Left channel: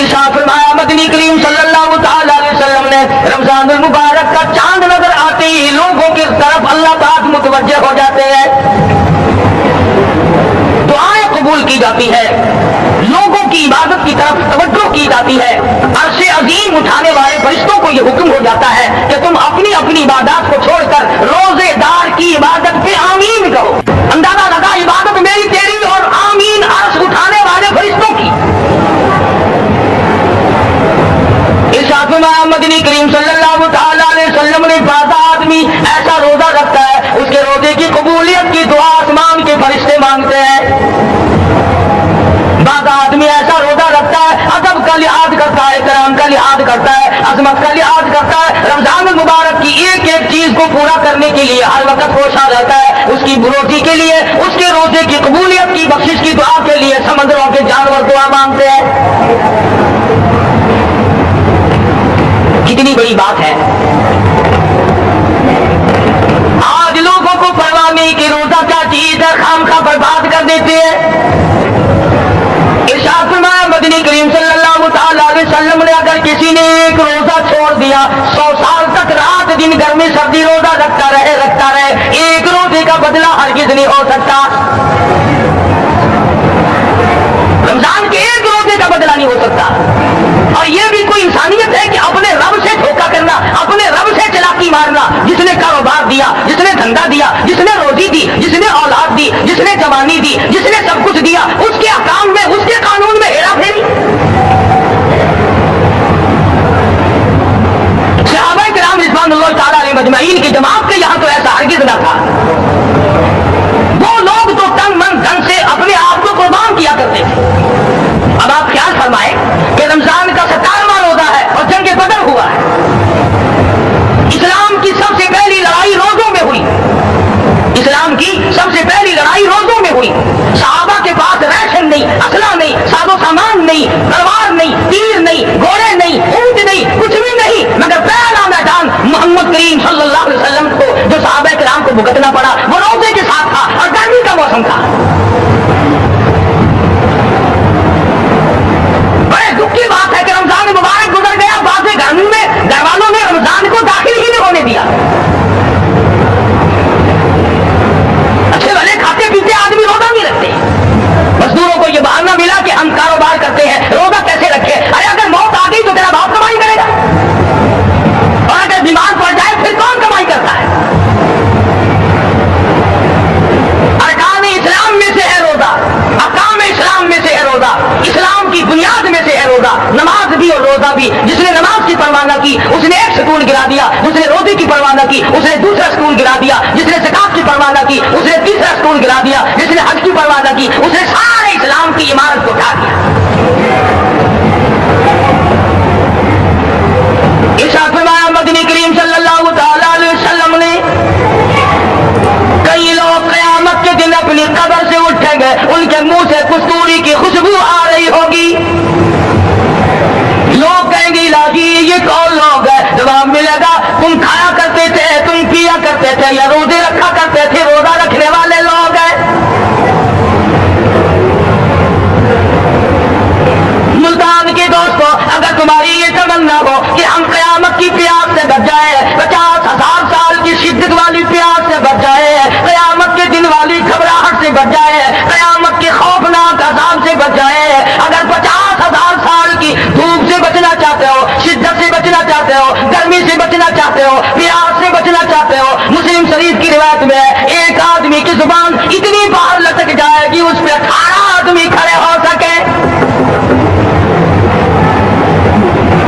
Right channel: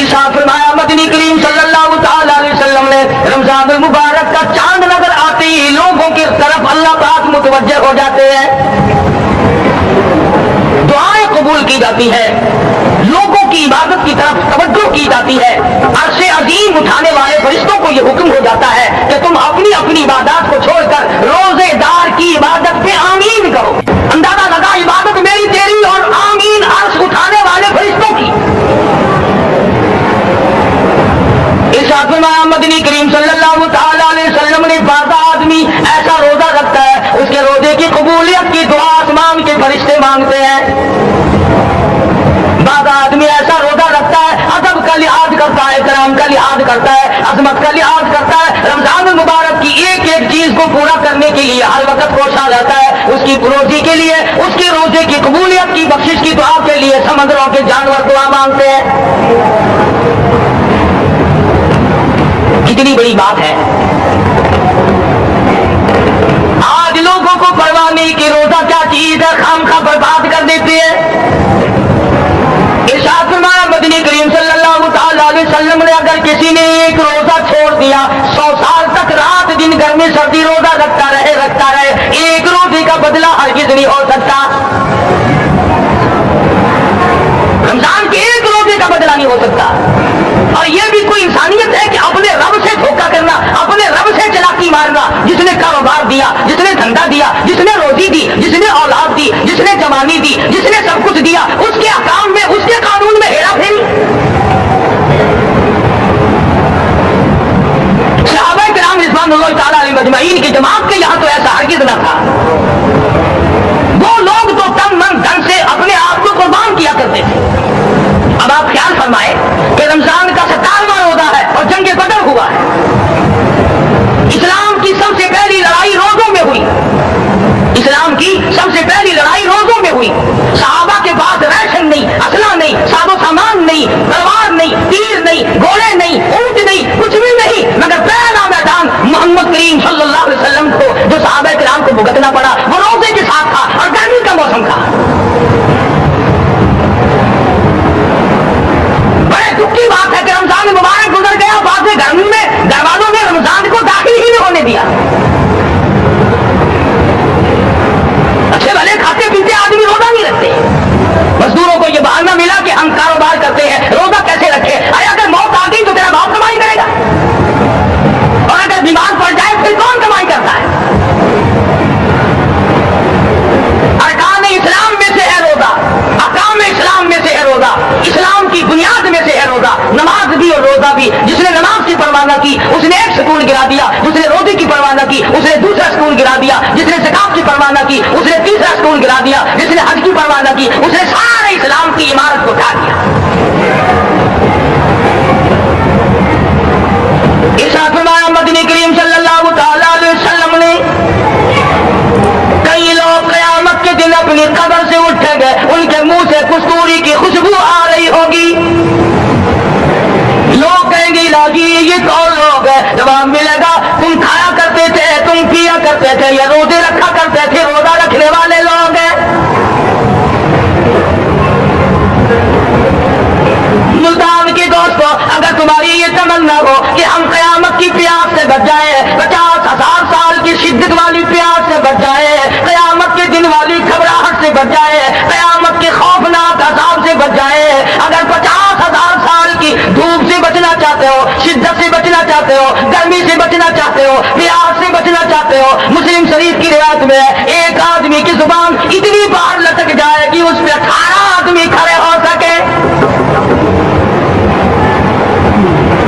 ارشاد فرمایا مدنی کریم صلی اللہ تعالی علیہ وسلم نے رمضان المبارک کا چاند نظر آتے ہی لوگوں کی طرف اللہ پاک متوجہ ہو جاتے ہیں، دعائیں قبول کی جاتی ہے، لوگوں کی عبادت کی طرف توجہ کی جاتی ہے، عرش عظیم اٹھانے والے فرشتوں کو یہ حکم ہو جاتا ہے کہ تم اپنی اپنی عبادات کو چھوڑ کر روزے دار کی عبادت پہ آمین کہو۔ اندازہ لگا عبادت میری تیری اور آمین عرش اٹھانے والے فرشتوں کی۔ ارشاد فرمایا مدنی کریم صلی اللہ تعالی علیہ وسلم نے بعض آدمی ایسا روزہ رکھتا ہے اس کے روزے کی قبولیت کی دعا آسمان کے فرشتے مانگتے ہیں، بعض آدمی ایسا روزہ رکھتا ہے ادب کا لحاظ کرتا ہے، کرام کا لحاظ کرتا ہے، عظمت کا لحاظ کرتا ہے، رمضان المبارک کی ایک ایک چیز کو پورا کرنے کے لیے ہر وقت کوشاں رہتا ہے، اس کی روزی کے لیے، اس کے روزے کی قبولیت کی بخشش کی دعا کے لیے سمندروں کے جانور دعا مانگتے ہیں۔ کتنی بڑی بات ہے، آج لوگوں کو پرواہ نہیں کہ روزہ کیا چیز ہے، خامخواہ برباد کر دیتے ہیں۔ ارشاد فرمایا مدنی کریم صلی اللہ تعالی علیہ وسلم نے اگر کسی نے ایک روزہ چھوڑ دیا 100 سال تک رات دن گرمی سردی روزہ رکھتا رہے، ایک روزے کا بدلہ ہرگز نہیں ہو سکتا، رمضان کے ایک روزے کا بدلہ نہیں ہو سکتا۔ اور یہ بھی کوئی انسانیت ہے کہ اپنے رب سے دھوکہ کرنا، اپنے رب سے چلاکی مارنا، جس نے کاروبار دیا، جس نے دھندا دیا، جس نے روزی دی، جس نے اولاد دی، جس نے جوانی دی، جس نے سب کچھ دیا، اس کے احکام میں، اس کے قانون میں ہیرا پھیری۔ صحابہ کرام رضوان اللہ تعالی علیہ مجمعین کی جماعت کے یہاں تو ایسا ہرگز نہ تھا، وہ لوگ تو تن من دھن سے اپنے آپ کو قربان کیا کرتے تھے۔ اب آپ خیال فرمائیں کہ رمضان کا 57واں روزہ ہے اور جنگ بدر ہوا ہے، اسلام کی سب سے پہلی لڑائی روزوں میں ہوئی، اسلام کی سب سے پہلی لڑائی روزوں میں ہوئی، صحابہ کے پاس ریشن نہیں، اسلحہ نہیں، ساز و سامان نہیں، تلوار نہیں، تیر نہیں، گھوڑے نہیں، اونٹ نہیں، کچھ بھی نہیں، مگر پہلا میدان محمد کریم صلی اللہ علیہ وسلم کو جو صحابہ کرام کو بھگتنا پڑا وہ روزے کے ساتھ تھا اور گرمی کا موسم تھا۔ دکھ کی بات ہے کہ رمضان مبارک گزر گیا، بعض گرمی میں گھر والوں نے رمضان کو داخل ہی نہیں ہونے دیا۔ اچھے بھلے کھاتے پیتے آدمی روزہ نہیں رکھتے، مزدوروں کو یہ بہانہ ملا کہ ہم کاروبار کرتے ہیں، روزہ کیسے رکھے؟ ارے اگر موت آ گئی تو تیرا باپ کمائی کرے گا، اور اگر بیمار پڑ جائے پھر کون کمائی کرتا ہے؟ ارکان اسلام میں سے ہے روزہ، احکام اسلام میں سے ہے روزہ، اسلام کی بنیاد میں سے ہے روزہ، نماز بھی اور روزہ بھی۔ جس نے نماز کی پرواہ نہ کی اس نے ایک ستون گرا دیا، جس نے روزے کی پرواہ نہ کی اس نے دوسرا ستون گرا دیا، جس نے زکات کی پرواہ نہ کی اس نے تیسرا ستون گرا دیا، جس نے حج کی پرواہ نہ کی اس نے سارے اسلام کی عمارت کو اٹھا دیا۔ ارشاد فرمایا مدنی کریم صلی اللہ تعالی علیہ وسلم نے کئی لوگ قیامت کے دن اپنی قبر سے اٹھیں گے، ان کے منہ سے کستوری کی خوشبو آ رہی ہوگی، لوگ کہیں گے لاجی یہ کون لوگ ہے؟ جواب ملے گا تم کھایا کرتے تھے، تم پیا کرتے تھے، یا روزے رکھا کرتے تھے، روزہ رکھنے والے لوگ ہیں۔ ملتان کے دوستوں اگر تمہاری یہ تمنا ہو کہ ہم قیامت کی پیاس سے بچ جائے، 50,000 سال کی شدت والی پیاس سے بچ جائے، قیامت کے دن والی گھبراہٹ سے بچ جائے، قیامت کے خوفناک عذاب سے بچ جائے، اگر 50,000 سال کی دھوپ سے بچنا چاہتے ہو، شدت سے بچنا چاہتے ہو، گرمی سے بچنا چاہتے ہو، پیاس سے بچنا چاہتے ہو، مسلم شریف کی روایت میں ایک آدمی کی زبان اتنی باہر لٹک جائے گی اس پہ 18 آدمی کھڑے ہو سکے۔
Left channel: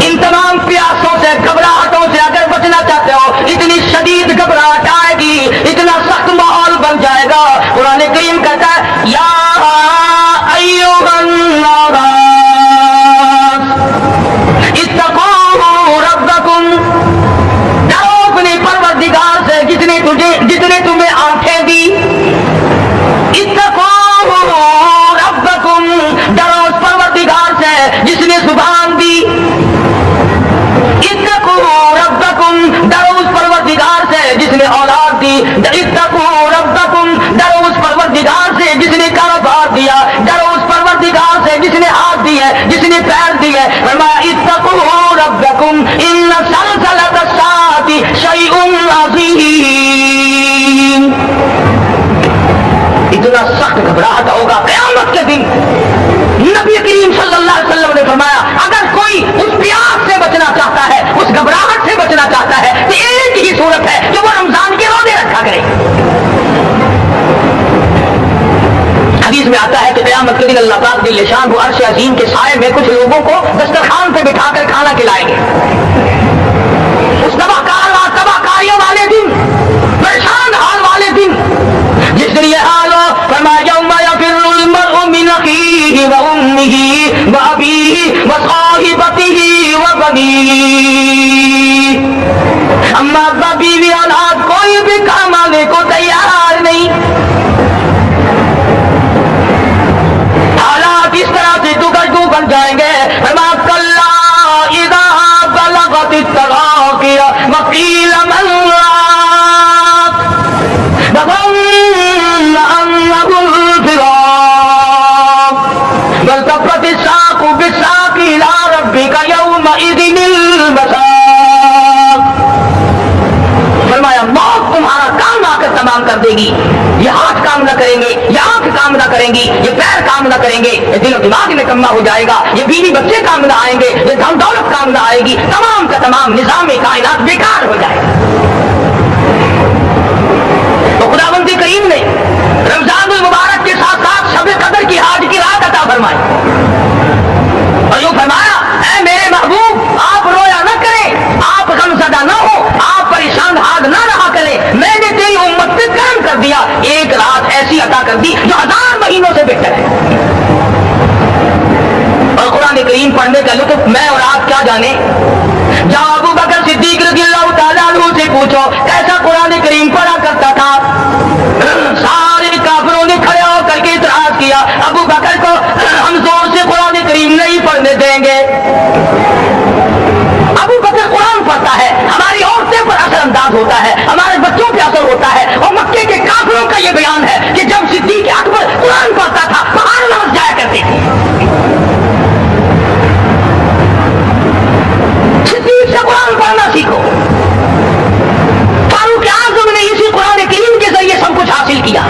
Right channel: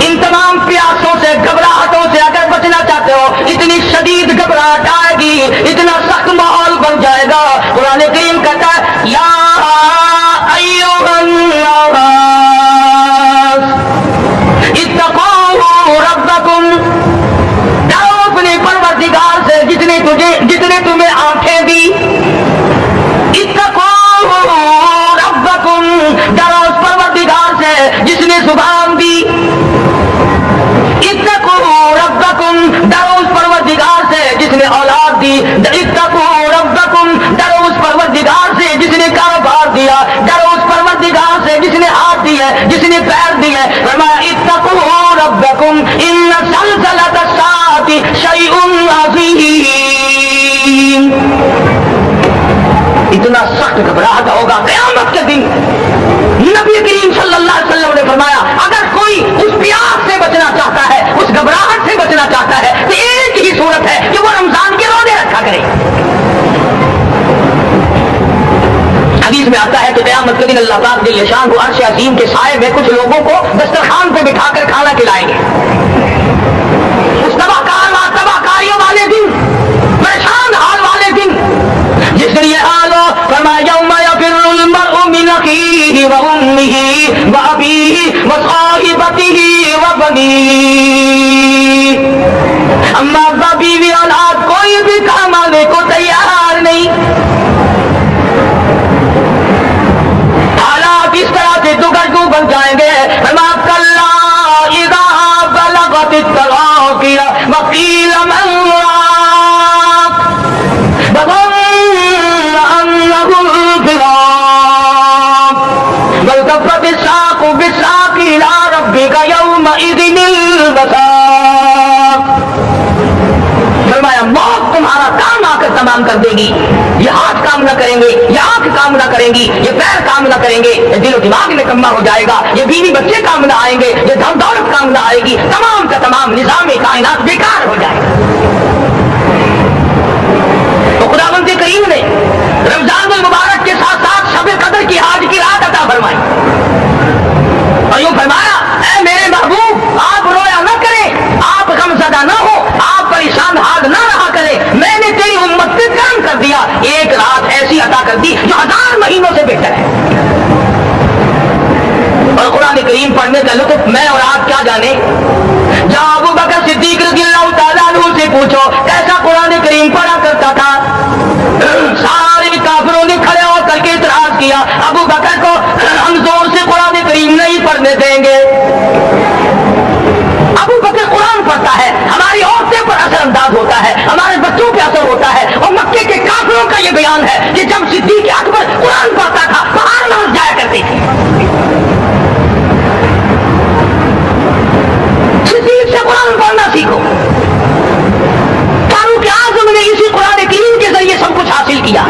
ان تمام پیاسوں سے، گھبراہٹوں سے اگر بچنا چاہتے ہو، اتنی شدید گھبراہٹ آئے گی، اتنا سخت ماحول بن جائے گا، قرآن کریم کہتا ہے یا ایھا الناس اتقوا ربکم، ڈرو اپنے پروردگار سے جس نے تمہیں آنکھیں دی، اتقوا ربکم، ڈرو اس پروردگار سے جس نے زبان دی، اتقوا ربکم، ڈرو اس پروردگار سے جس نے اولاد دی، اتقوا ربکم، ڈرو اس پروردگار سے جس نے کاروبار دیا، ڈرو اس پروردگار سے جس نے ہاتھ دیے، جس نے پیر دیے، है, फरमाया इत्तकू रब्बकुम इन्न ज़लज़लतस्साअति शैउन अज़ीम। इतना सख्त घबराहट होगा क़यामत के दिन। नबी करीम सल्लल्लाहु अलैहि वसल्लम ने फरमाया अगर कोई उस प्यास से बचना चाहता है, उस घबराहट से बचना चाहता है, तो एक ही सूरत है कि वो रमजान के रोजे रखा करे। हदीस में आता है कि क़यामत के दिन अल्लाह पाक जल्ल शान अर्श अज़ीम के साए में कुछ लोगों को दस्तरखान पे बिठाकर खाना खिलाएंगे। उस तबाकारियों वाले दिन, परेशान हाल वाले दिन, जिस दिन ये हाल हो, फरमाया यौमा यफ़िर्रुल मर्उ मिन अख़ीहि व उम्मिहि व अबीहि व साहिबतिहि व बनीहि। अम्मा अब्बा बीवी औलाद कोई भी काम आने को तैयार नहीं। हालात इस तरह से दुगड्डू बन जाएंगे। फरमाया कल्ला इज़ा बलगतित तराक़िया व क़ील मन राक़ वज़न्न अन्नहुल फ़िराक़ वल्तफ़्फ़तिस साक़ु बिस्साक़ इला रब्बिका यौमइज़िनिल मसाक़। फरमाया मौत तुम्हारा काम आकर तमाम कर देगी। ये हाथ काम न करेंगे, ये आंख काम न करेंगी, ये पैर काम न करेंगे, ये दिल और दिमाग में कम्मा हो जाएगा, ये बीवी बच्चे काम न आएंगे, ये धन दौलत काम न आएगी, तमाम का तमाम निजाम कायनात बेकार हो जाएगा। तो खुदावंद करीम ने रमजान मुबारक के साथ साथ शब कदर की आज की रात अता फरमाई और यूं फरमाया ऐ मेरे महबूब आप रोया न करें, आप गमज़दा न हो, आप परेशान हाल न रहा करें। मैंने तेरी उम्मत पे करम कर दिया, एक रात ऐसी अता कर दी जो 1000 महीनों से बेहतर है। और कुरान करीम पढ़ने का लुत्फ मैं और आप क्या जाने। जब अबू बकर सिद्दीक रज़ियल्लाहु ताला अन्हु से पूछो कैसा कुरान करीम पढ़ा करता था, सारे काफिरों ने खड़े होकर के इतराज किया अबू बकर को हम जोर से कुरान करीम नहीं पढ़ने देंगे। अबू बकर कुरान पढ़ता है, हमारी औरतें पर असर अंदाज होता है, हमारे बच्चों पे असर होता है। और मक्के के काफिरों का ये बयान है कि जब सिद्दीक अकबर कुरान पढ़ता था बाहर नाच जाया करते थे। सिद्दीक से कुरान पढ़ना सीखो। फारूक आज़म ने इसी कुरान करीम के जरिए सब कुछ हासिल किया।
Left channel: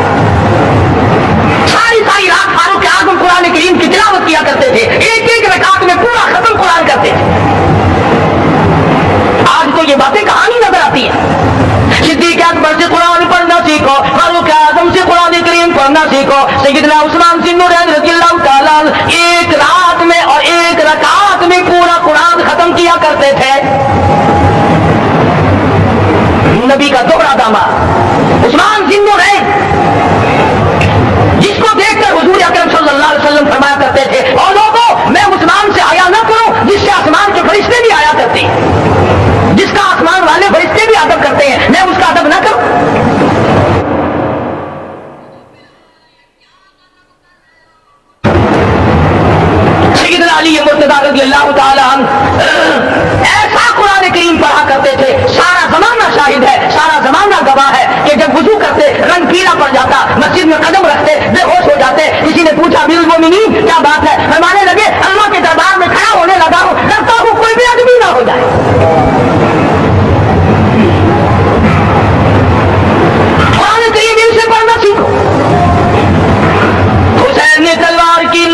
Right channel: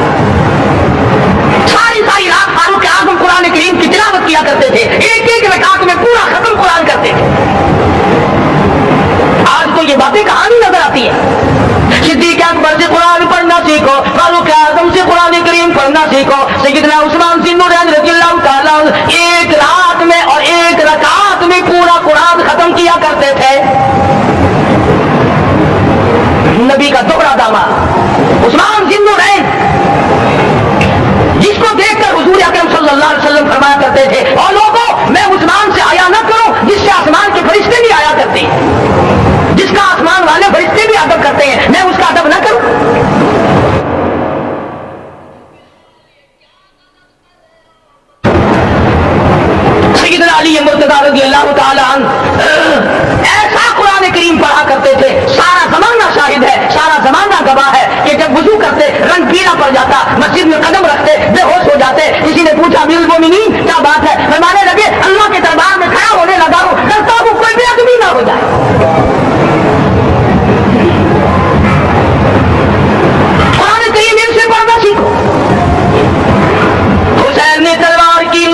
सारी रात फारूक आज़म कुरान करीम की तिलावत किया करते थे, एक एक रकात में पूरा खत्म कुरान करते थे। आज तो ये बातें कहानी नजर आती है। सिद्दीक अकबर से कुरान पढ़ना सीखो, फारूक आज़म से कुरान करीम पढ़ना सीखो। सैयदना उस्मान ज़िन्नुरैन रज़ियल्लाहु ताला एक रात में और एक रकात में पूरा कुरान खत्म किया करते थे। नबी का दोहरा दामाद उस्मान ज़िन्नुरैन, जिसको देखकर हुजूर अकरम सल्लल्लाहु अलैहि वसल्लम फरमाया करते थे और लोगों मैं उस्मान से आया न करूं जिससे आसमान के फरिश्ते भी आया करते हैं, जिसका आसमान वाले फरिश्ते भी अदब करते हैं, मैं उसका अदब न करूं। सैयदना अली मुर्तज़ा रज़ियल्लाहु ताला अन्हु ऐसा कुरान करीम पढ़ा करते थे, सारा जमाना शाहिद है, सारा जमाना गवाह है कि जब वुजू करते रंग पीला पड़ जाता, मस्जिद में कदम रखते बेहोश हो जाते। किसी ने पूछा अमीरुल मोमिनीन क्या बात है, फरमाने लगे अल्लाह के दरबार में खड़ा होने लगा हूं, डरता हूं कोई भी आदमी ना हो जाए। कुरान करीम इनसे पढ़ना सीखो। हुसैन ने तलवार की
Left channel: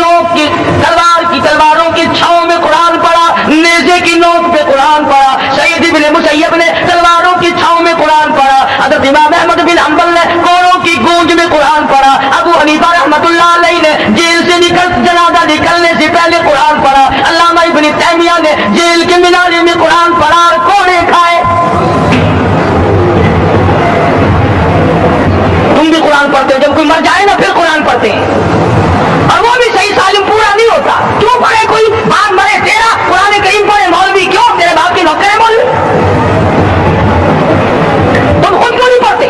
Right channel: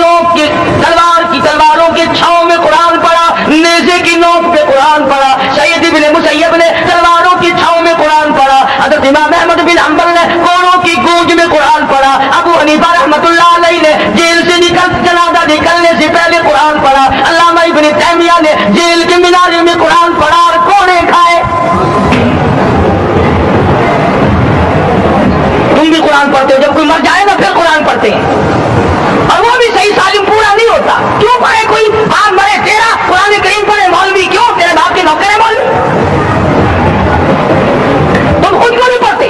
तलवारों के छांव में कुरान पढ़ा, नेज़े की नोक पे कुरान पढ़ा। सईद इब्न मुसय्यब ने तलवारों की छांव में कुरान पढ़ा। हज़रत इमाम अहमद बिन हंबल ने कोड़ों की गूंज में कुरान पढ़ा। अबू हनीफा रहमतुल्लाह अलैहि ने जेल से जनाजा निकलने से पहले कुरान पढ़ा। अल्लामा इब्न तैमिया ने जेल के मीनारे में कुरान पढ़ा और कोड़े खाए। तुम भी कुरान पढ़ते हो, जब कोई मर जाए ना फिर कुरान पढ़ते हैं, और वो भी सही सालिम पूरा नहीं होता। क्यों पढ़े, कोई बाप मरे तेरा कुरान करीम पढ़े मौलवी, क्यों तेरे बाप के नौकर है मौलवी, तुम खुद क्यों नहीं पढ़ते?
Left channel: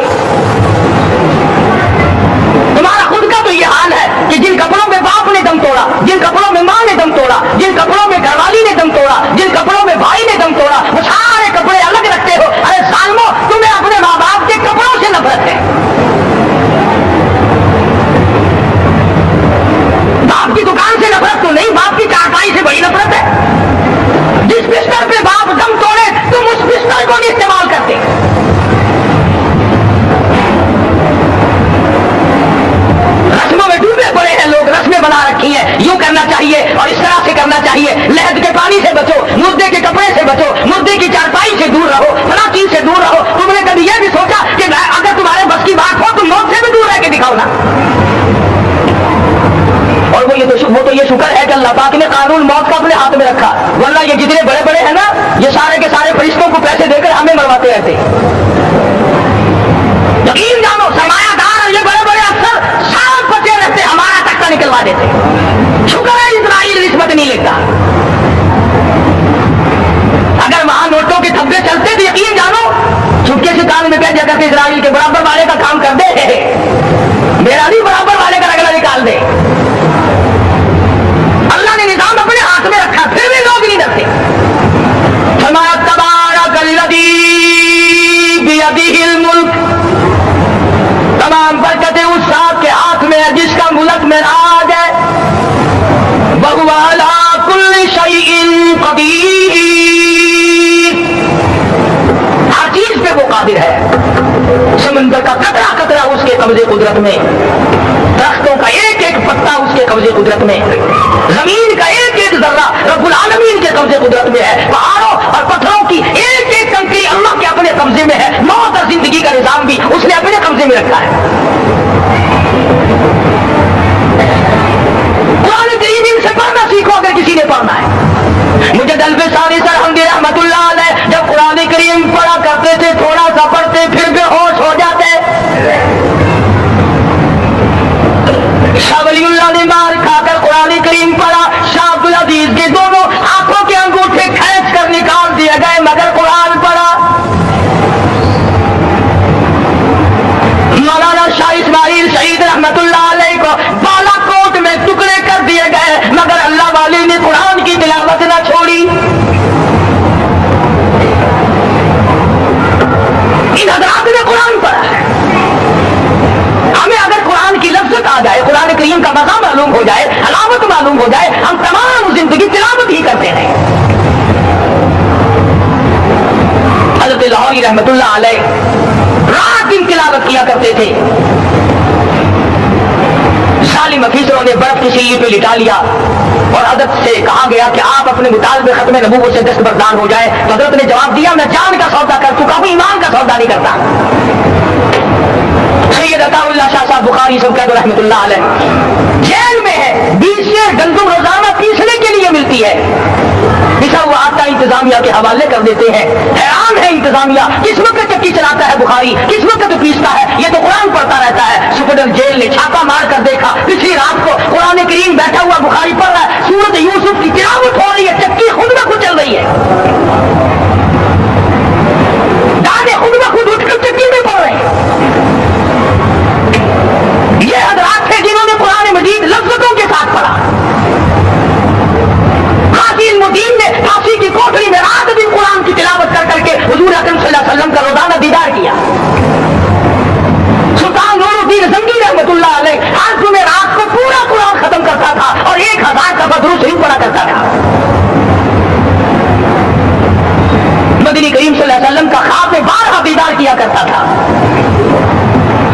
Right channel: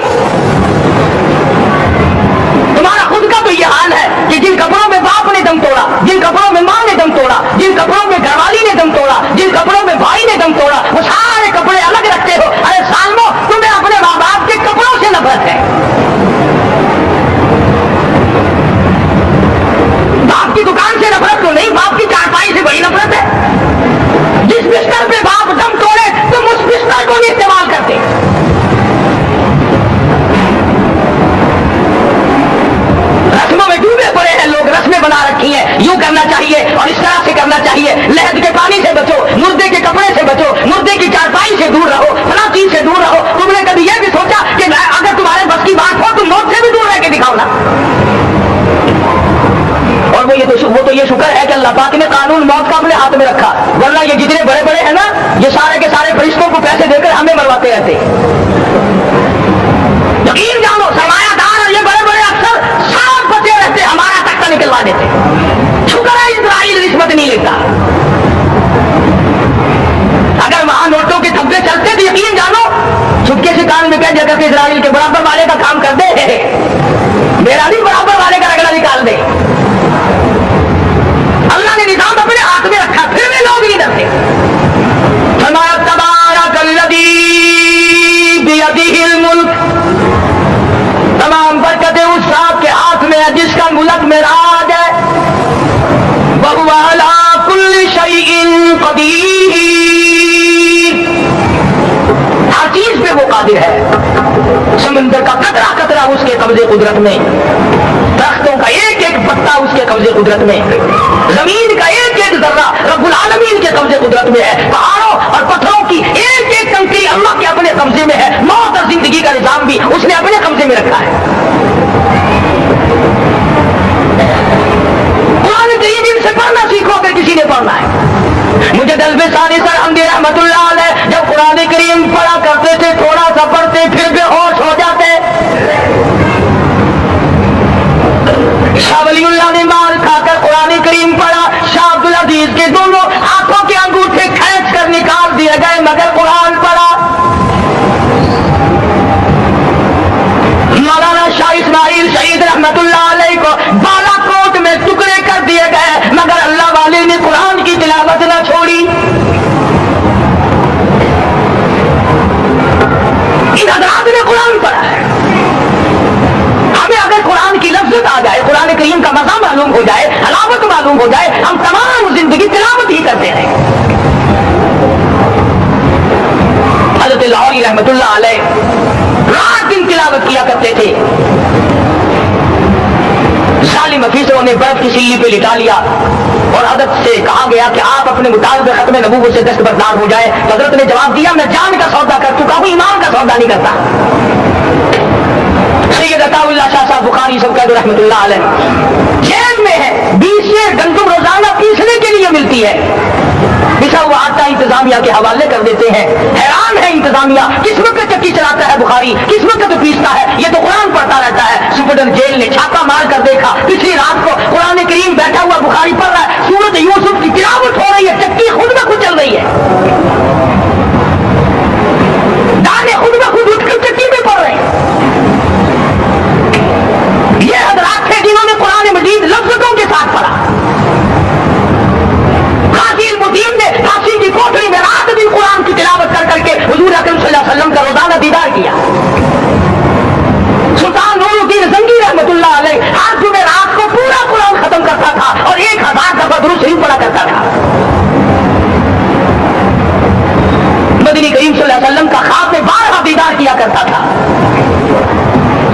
तुम्हारा खुद का तो ये हाल है कि जिन कपड़ों में बाप ने दम तोड़ा, जिन कपड़ों में मां ने दम तोड़ा, जिन कपड़ों में घरवाली ने दम तोड़ा, जिन कपड़ों में भाई ने दम तोड़ा, वो सारे कपड़े अलग रखते हो। अरे सालमो, तुम्हें अपने माँ बाप के कपड़ों से नफरत है। बाप की दुकान से नफरत तो नहीं, बाप की चारपाई से बड़ी नफरत है। रोटी से बचो, मुर्दे के कपड़े से बचो, मुर्दे की चारपाई से दूर रहो, फला चीज से दूर रहो। तुमने कभी यह भी सोचा कि अगर तुम्हारे बस की बात हो तुम मौत से भी दूर रह के दिखाओ ना। और वो तो ये शुक्र है कि अल्लाह पाक ने कानून मौत का अपने हाथ में रखा, वरना ये जितने बड़े बड़े हैं ना, ये सारे के सारे फरिश्तों को पैसे देकर हमें मरवाते रहते। यकीन जानो सरमायादार और ये बड़े बड़े अफसर सब बचे रहते, हमारा तख्ता निकलवा देते। शुक्र है इजराइल रिश्वत नहीं लेता। अगर वहां नोटों के धब्बे चलते तो यकीन जानो चुपके से कान में कह दिया करके इजराइल के बराबर वाले का काम कर दे, मेरा भी बराबर वाले का रगड़ा निकाल दे। अल्लाह ने निजाम अपने हाथ में रखा, फिर भी लोग नहीं डरते। फरमाया तबारकल्लज़ी बियदिहिल मुल्क, तमाम बरकतें उस ज़ात के हाथ में है जिसका मुल्क में राज है। वहुव अला कुल्लि शैइन क़दीर, हर चीज पे वो कादिर है। समंदर का कतरा कतरा उसके कब्जे कुदरत में, दरख्तों का एक एक पत्ता उसके कब्जे कुदरत में, जमीन का एक एक जर्रा रब्बुल आलमीन के कब्जे कुदरत में है, पहाड़ों और पत्थरों की एक एक कंकरी अल्लाह के अपने कब्जे में है। मौत और जिंदगी का निजाम भी उसने अपने कब्जे में रखा है। कुरान करीम से पढ़ना सीखो अगर किसी ने पढ़ना है। मुझे दलबे सरहमदी रहमतुल्लाह अलैह जब कुरान करीम पढ़ा करते थे, थोड़ा सा पढ़ते फिर बेहोश हो जाते। शाह वलीउल्लाह ने मार खाकर कुरान करीम पढ़ा, शाह अब्दुल अजीज के दोनों आंखों के अंगूठे खींच कर निकाल दिए गए मगर कुरान पढ़ा। मौलाना शाह इस्माइल शहीद रहमतुल्लाह अलैह को बालाकोट में टुकड़े कर दिए गए मगर अल्लाह वाले ने कुरान की तिलावत न छोड़ी। इन हज़रात ने कुरान पढ़ा है। हमें अगर कुरान की लफ्ज़त आ जाए, कुरान करीम का मज़ा मालूम हो जाए, हलावत मालूम हो जाए, हम तमाम जिंदगी तिलावत ही करते रहे। हज़रत लाहौरी रहमतुल्लाह अलैह रात दिन तिलावत किया करते थे। जालिम अफीसरों ने बर्फ की सिल्ली पे लिटा लिया और हज़रत से कहा गया कि आप अपने मुतालिबे खत्म नबूवत से दस्तबरदार हो जाए। तो हज़रत ने जवाब दिया, मैं जान का सौदा कर चुका हूं, ईमान का सौदा नहीं करता। सैयद अताउल्लाह शाह साहब बुखारी सब कहते रहमतुल्लाह अलैह जेल में है, 20 से गंदम रोजाना पीसने के लिए मिलती है। पिसा हुआ आटा इंतजामिया के हवाले कर देते हैं। हैरान है इंतजामिया, किस वक्त चक्की चलाता है बुखारी, किस वक्त पीसता है, ये तो कुरान पढ़ता रहता है। सुपरडेंट जेल ने छापा मार कर देखा, पिछली रात को कुरान करीम बैठा हुआ बुखारी पढ़ रहा है, सूरत यूसुफ की तिलावत हो रही है, चक्की खुद ब खुद चल रही है, दाने खुद ब खुद उठकर चक्की में पड़ रहे हैं। ये हज़रात थे जिन्होंने कुरान मजीद लफ्ज़ों के साथ पढ़ा। काज़ी मुदीन ने फांसी की कोठरी में रात दिन कुरान की तिलावत कर करके हुजूर अकरम सल्लल्लाहु अलैहि वसल्लम का रोजाना दीदार किया। सुल्तान नूरुद्दीन जंगी रहमतुल्लाह अलैह हर जुमे रात को पूरा कुरान खत्म करता था और 1000 दफा दुरूद शरीफ पढ़ा करता था। मदनी करीम सल्लल्लाहु अलैहि वसल्लम का ख्वाब में 12 दीदार किया करता था।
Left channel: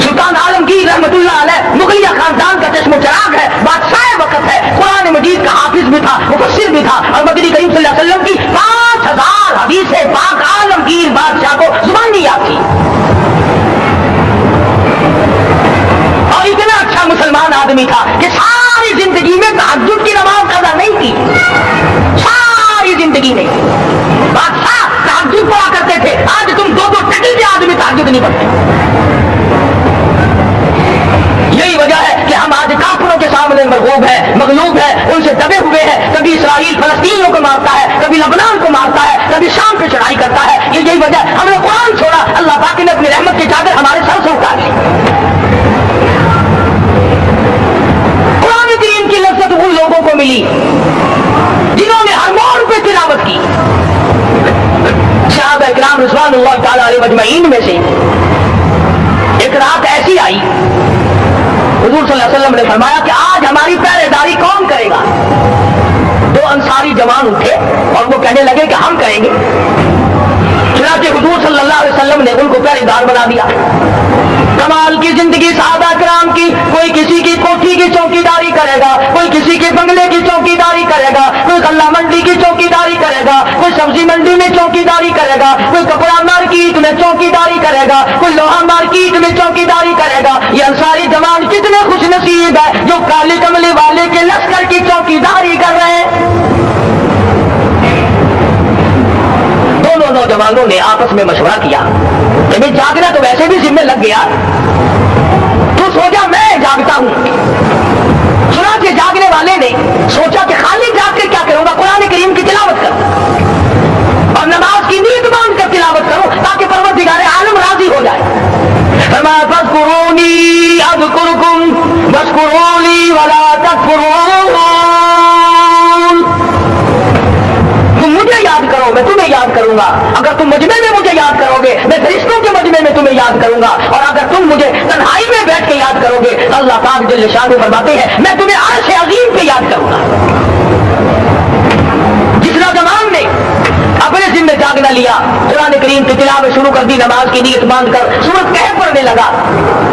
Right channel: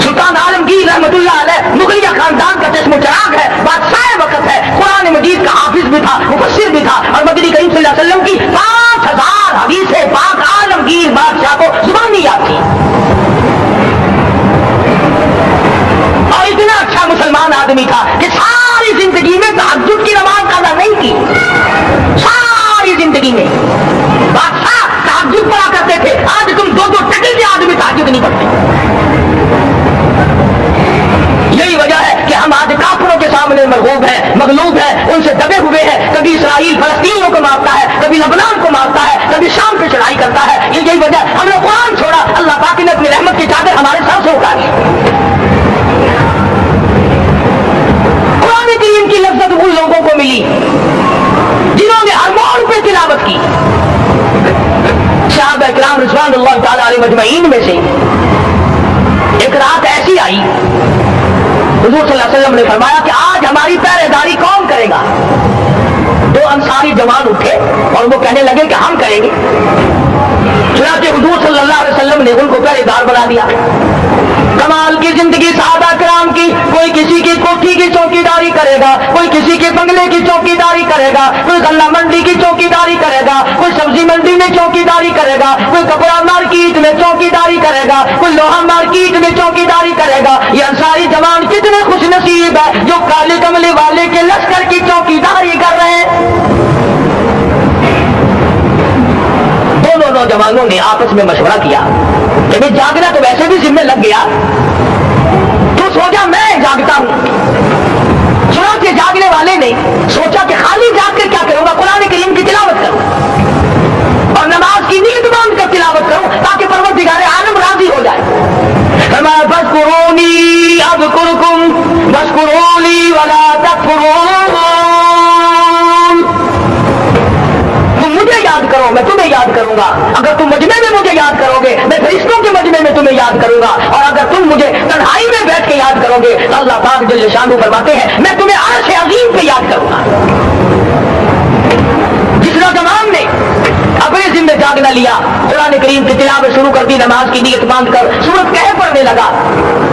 सुल्तान आलमगीर रहमतुल्लाह अलैह मुगलिया खानदान का चश्मो चराग है, बादशाह वक्त है, कुरान मजीद का हाफिज भी था, मुफस्सिर भी था और मदनी करीम सल्लल्लाहु अलैहि वसल्लम की 5000 हदीसें पाक आलमगीर बादशाह को जुबानी याद थी। और इतना अच्छा मुसलमान आदमी था कि सारी जिंदगी में तहज्जुद की नमाज कज़ा नहीं की, सारी जिंदगी में। बादशाह तहज्जुद पढ़ा करते थे, आज तुम 2-2 टकल के आदमी तहज्जुद नहीं पढ़ते। यही वजह है कि हम आज काफिरों के सामने मरगूब है, मगलूब है, उनसे दबे हुए हैं। कभी इसराइल फलस्तीनियों को मारता है, कभी लबनान को मारता है, कभी शाम पे चढ़ाई करता है। यही वजह, हमने कुरान छोड़ा, अल्लाह पाक ने अपनी रहमत की चादर हमारे सर से उतारी। कुरान करीम की लज्जत उन लोगों को मिली जिन्होंने हर मोड़ पे तिलावत की। सहाबा इकराम रिज़वानुल्लाह तआला अलैहिम अजमईन में से एक रात ऐसी आई, हुजूर सल्लल्लाहु अलैहि वसल्लम ने फरमाया कि आज हमारी पहरेदारी कौन करेगा। 2 अंसारी जवान उठे और वो कहने लगे कि हम करेंगे। चुनांचे हुजूर सल्लल्लाहु अलैहि वसल्लम ने उनको पहरेदार बना दिया। कमाल की जिंदगी सहाबा किराम की, कोई किसी की कोठी की चौकीदारी करेगा, कोई किसी के बंगले की चौकीदारी करेगा, कोई गल्ला मंडी की चौकीदारी सब्जी मंडी में चौकीदारी करेगा, कोई कपड़ा मार्केट में चौकीदारी करेगा, कोई लोहा मार्केट में चौकीदारी करेगा। ये अंसारी जवान कितने खुश नसीब है जो काले कमले वाले के लश्कर की चौकीदारी कर रहे हैं। दोनों नौजवानों ने आपस में मशवरा किया कि भाई जागना तो वैसे भी जिम्मे लग गया, तू सो जा, मैं जागता हूं। चुनांचे जागने वाले ने सोचा कि खाली जाग कर क्या करूंगा, कुरान करीम की तिलावत करूं और नमाज की नींद बांध कर तिलावत करूं ताकि परवरदिगार आलम राजी हो जाए। फरमाया फज़कुरूनी अज़कुरकुम वज़कुरूनी वला तकफुरून। तुम मुझे याद करो, मैं तुम्हें याद करूंगा। अगर तुम मजमे में मुझे याद करोगे, मैं फरिश्तों के मजमे में तुम्हें याद करूंगा। और अगर तुम मुझे तन्हाई में बैठ के याद करोगे तो अल्लाह पाक जल्ल शानहू फरमाते हैं मैं तुम्हें अर्श अज़ीम पे याद करूंगा। जिस नौजवान ने अपने जिम्मे जागना लिया, कुरान करीम की तिलावत शुरू कर दी, नमाज की नीयत बांधकर सूरत कहफ पढ़ने लगा।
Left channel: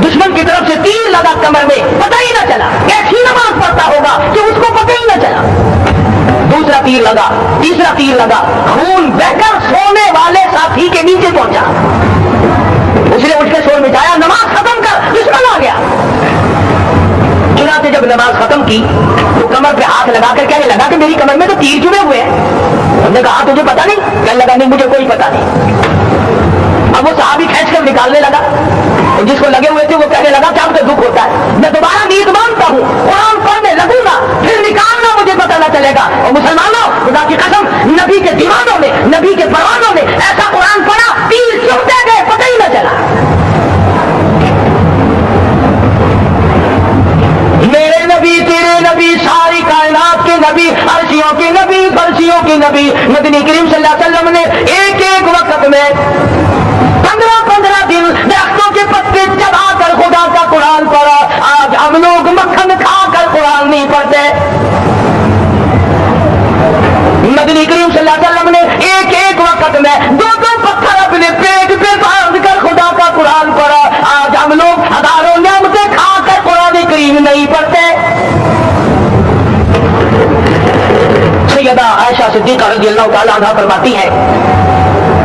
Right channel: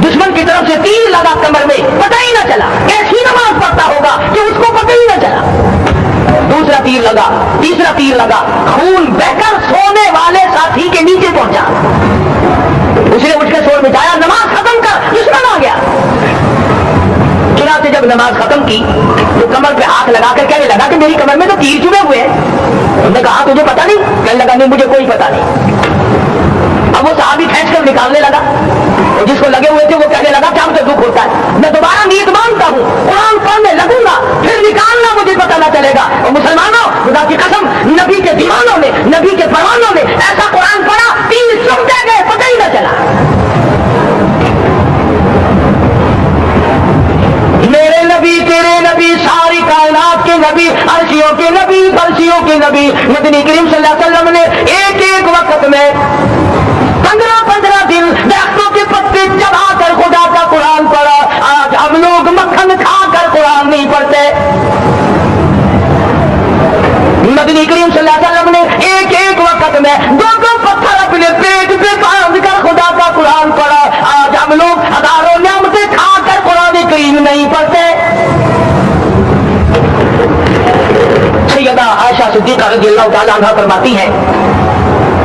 दुश्मन की तरफ से तीर लगा कमर में, पता ही ना चला कैसी नमाज पढ़ता होगा कि उसको पता ही ना चला। दूसरा तीर लगा, तीसरा तीर लगा, खून बहकर सोने वाले साथी के नीचे पहुंचा। उसने उठकर शोर मिटाया, नमाज खत्म कर, दुश्मन आ गया। चुनांचे जब नमाज खत्म की तो कमर पे हाथ लगाकर कहने लगा कि मेरी कमर में तो तीर चुभे हुए हैं। उन्होंने कहा तुझे पता नहीं? कहने लगा नहीं मुझे कोई पता नहीं। अब वो सहाबी खींच कर निकालने लगा, और जिसको लगे हुए थे वो कहने लगा क्या मुझे दुख होता है, मैं दोबारा नीयत बांधता हूँ, कुरान पढ़ने लगूंगा, फिर निकालना मुझे पता न चलेगा। और मुसलमानों, खुदा की कसम, नबी के दीवानों ने, नबी के परवानों ने ऐसा कुरान पढ़ा, तीर चुभते गए, पता ही न चला। मेरे नबी, तेरे नबी, सारी कायनात के नबी, अर्शियों के नबी, फर्शियों के नबी, मदनी करीम सल्लल्लाहु अलैहि वसल्लम ने एक एक वक्त में 15-15 दिन दरख्तों के पत्ते चबाकर खुदा का कुरान पढ़ा। आज हम लोग मक्खन खाकर कुरान नहीं पढ़ते। मदनी करीम सल्लल्लाहु अलैहि वसल्लम ने एक एक वक्त में 2-2 पत्थर अपने पेट पे बांध कर खुदा का कुरान पढ़ा। आज हम लोग हजारों नियामतें खाकर कुरान करीम नहीं पढ़ते। सैयदा आयशा सिद्दीक़ा रज़ियल्लाहु ताला अन्हा फरमाती है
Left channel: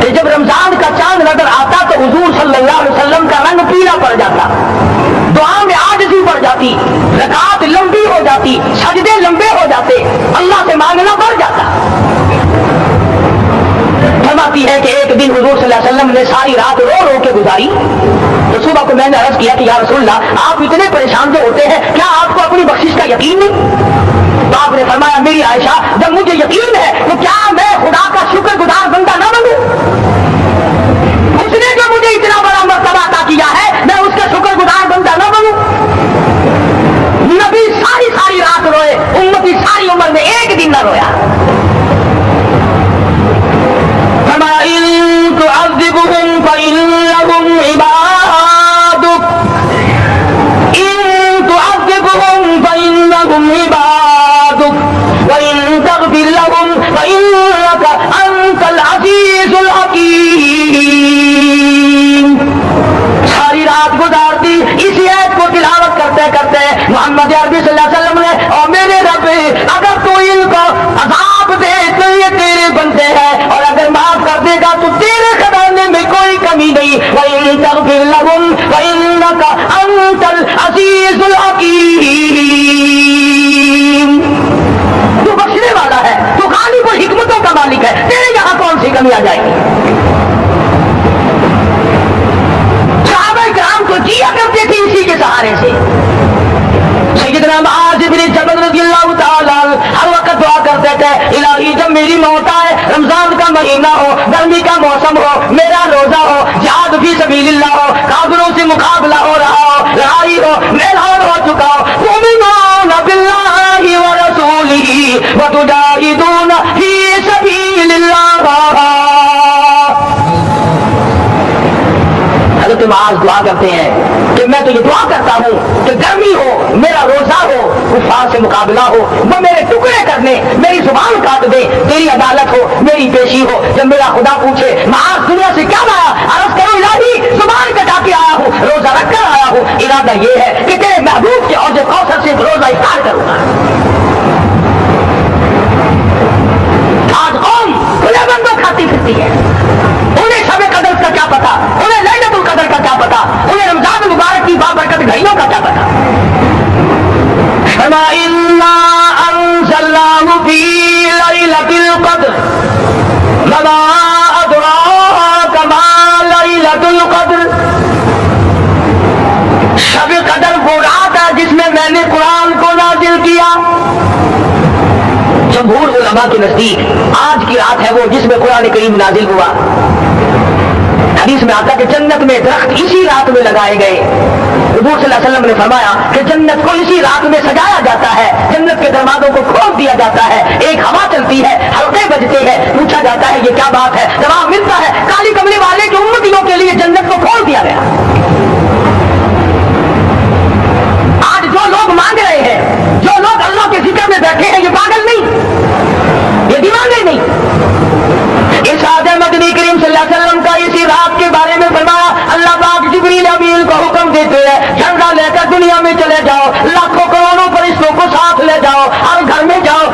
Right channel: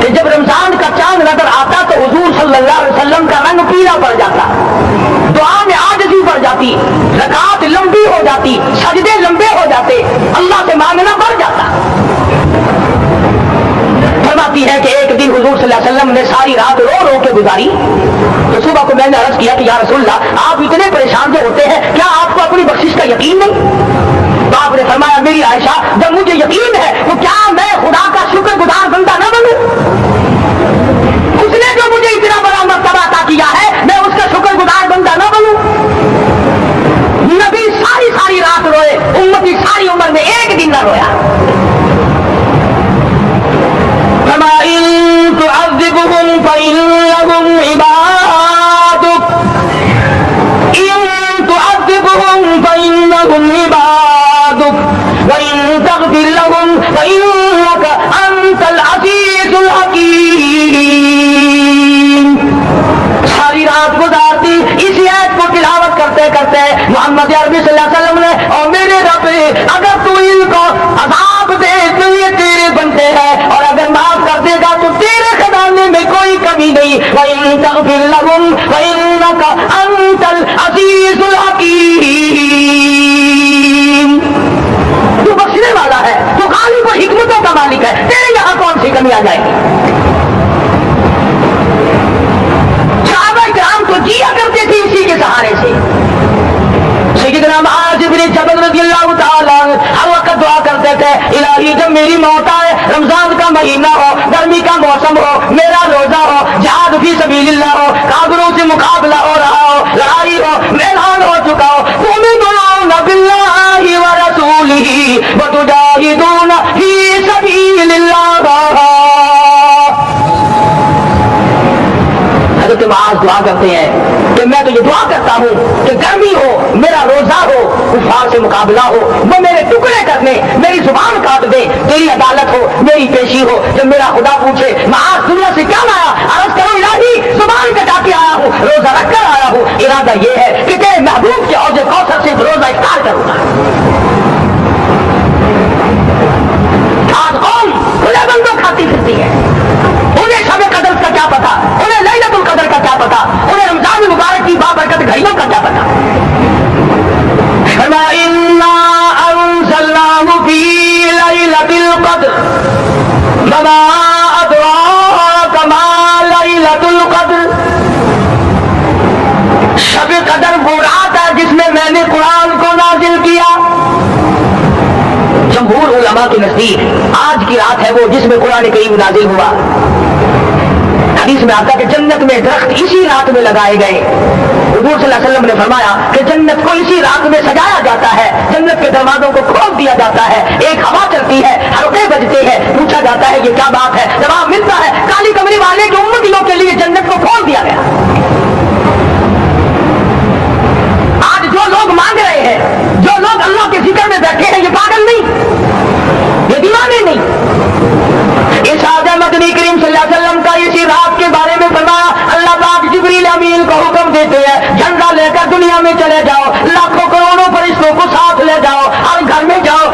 कि जब रमजान का चांद नजर आता तो हुजूर सल्लल्लाहु अलैहि वसल्लम का रंग पीला पड़ जाता, दुआ में आजिज़ी बढ़ जाती, रकात लंबी हो जाती, सजदे लंबे हो जाते, अल्लाह से मांगना बढ़ जाता। फरमाती है कि एक दिन हुजूर सल्लल्लाहु अलैहि वसल्लम ने सारी रात रो रो के गुजारी। तो सुबह को मैंने अर्ज किया कि या रसूलल्लाह आप इतने परेशान जो होते हैं, क्या आपको अपनी बख्शिश का यकीन नहीं? तो आपने फरमाया मेरी आयशा, जब मुझे यकीन है तो क्या मैं खुदा का शुक्रगुजार बंदा न बनूं? उसने जो मुझे इतना बड़ा मर्तबा अता किया है, मैं उसका शुक्रगुजार बंदा न बनूं? नबी सारी सारी रात रोए, उम्मती सारी उम्र में एक दिन न रोया। इन तुअज़्ज़िबहुम फ़इन्नहुम इबादुक, इन तुअज़्ज़िबहुम फ़इन्नहुम इबादुक व इन तग़फ़िर लहुम फ़इन्नका अंतल अज़ीज़ुल हकीम। सारी रात गुजारती इस आयत को तिलावत करते करते मोहम्मद अरबी सल्लल्लाहु अलैहि वसल्लम ने, और मेरे रब अगर तू इनको अज़ाब दे तो ये तेरे बनते हैं, और अगर माफ कर देगा तो तेरे खजाने में कोई कमी नहीं। व इन तग़फ़िर लहुम फ़इन्नका अंतल अज़ीज़ुल हकीम। तू बख्शने वाला है, तू गालिब और हिकमतों का मालिक है, तेरे यहाँ कौन सी कमी आ जाएगी? सहाबा किराम तो जिया करते थे इसी के सहारे से। सैयदना मुआज़ इब्न जबल रज़ियल्लाहु ताला हर वक्त दुआ करते थे, इलाही जब मेरी मौत आए, रमजान का महीना हो, गर्मी का मौसम हो, मेरा रोजा हो, जिहाद फी सबीलिल्लाह हो, काफिरों से मुकाबला हो रहा हो, लड़ाई हो, मैदान हो चुका हो, तुमिनूना बिल्लाहि व रसूलिही व तुजाहिदूना फी सबीलिल्लाह। हज़रत मुआज़ दुआ करते हैं कि मैं तो ये दुआ करता हूँ कि गर्मी हो, मेरा रोजा हो, कुफार से मुकाबला हो, वो मेरे टुकड़े करने, मेरी जुबान काट दे, तेरी अदालत हो, मेरी पेशी हो। जब मेरा खुदा पूछे मुआज़ दुनिया से क्या लाया, अर्ज़ करो इलाही जुबान कटा के आया हूँ, रोजा रख कर आया हूँ, इरादा ये है कि तेरे महबूब के औजे कौसर से रोजा इफ्तार करूंगा। आज कौन खुले बंदों का ليلة القدر. شب قدر وہ رات ہے جس میں میں نے قرآن کو نازل کیا. جمہور علماء کے نزدیک آج کی رات ہے وہ جس میں قرآن کریم نازل ہوا. حدیث میں آتا کہ جنت میں درخت اسی رات میں لگائے گئے. حضور صلی اللہ علیہ وسلم نے فرمایا کہ جنت کو اسی رات میں سجایا جاتا ہے, جنت کے دروازوں کو کھول دیا جاتا ہے, ایک ہوا چلتی ہے, حلقے بجتے ہیں, پوچھا جاتا ہے یہ کیا بات ہے, جواب ملتا ہے کالی کملی والے کی امتیوں کے لیے جنت کو کھول دیا گیا. آج جو لوگ مانگ رہے ہیں, جو لوگ اللہ کے ذکر میں بیٹھے ہیں, یہ پاگل نہیں, یہ دیوانے نہیں. ارشاد مدنی کریم صلی اللہ علیہ وسلم کا اسی رات کے بارے میں فرمایا اللہ پاک جبریل امین کو حکم دیتے ہیں جھنڈا لے کر دنیا میں چلے جاؤ, لاکھوں کروڑوں فرشتوں کو ساتھ لے جاؤ, ہر گھر میں جاؤ,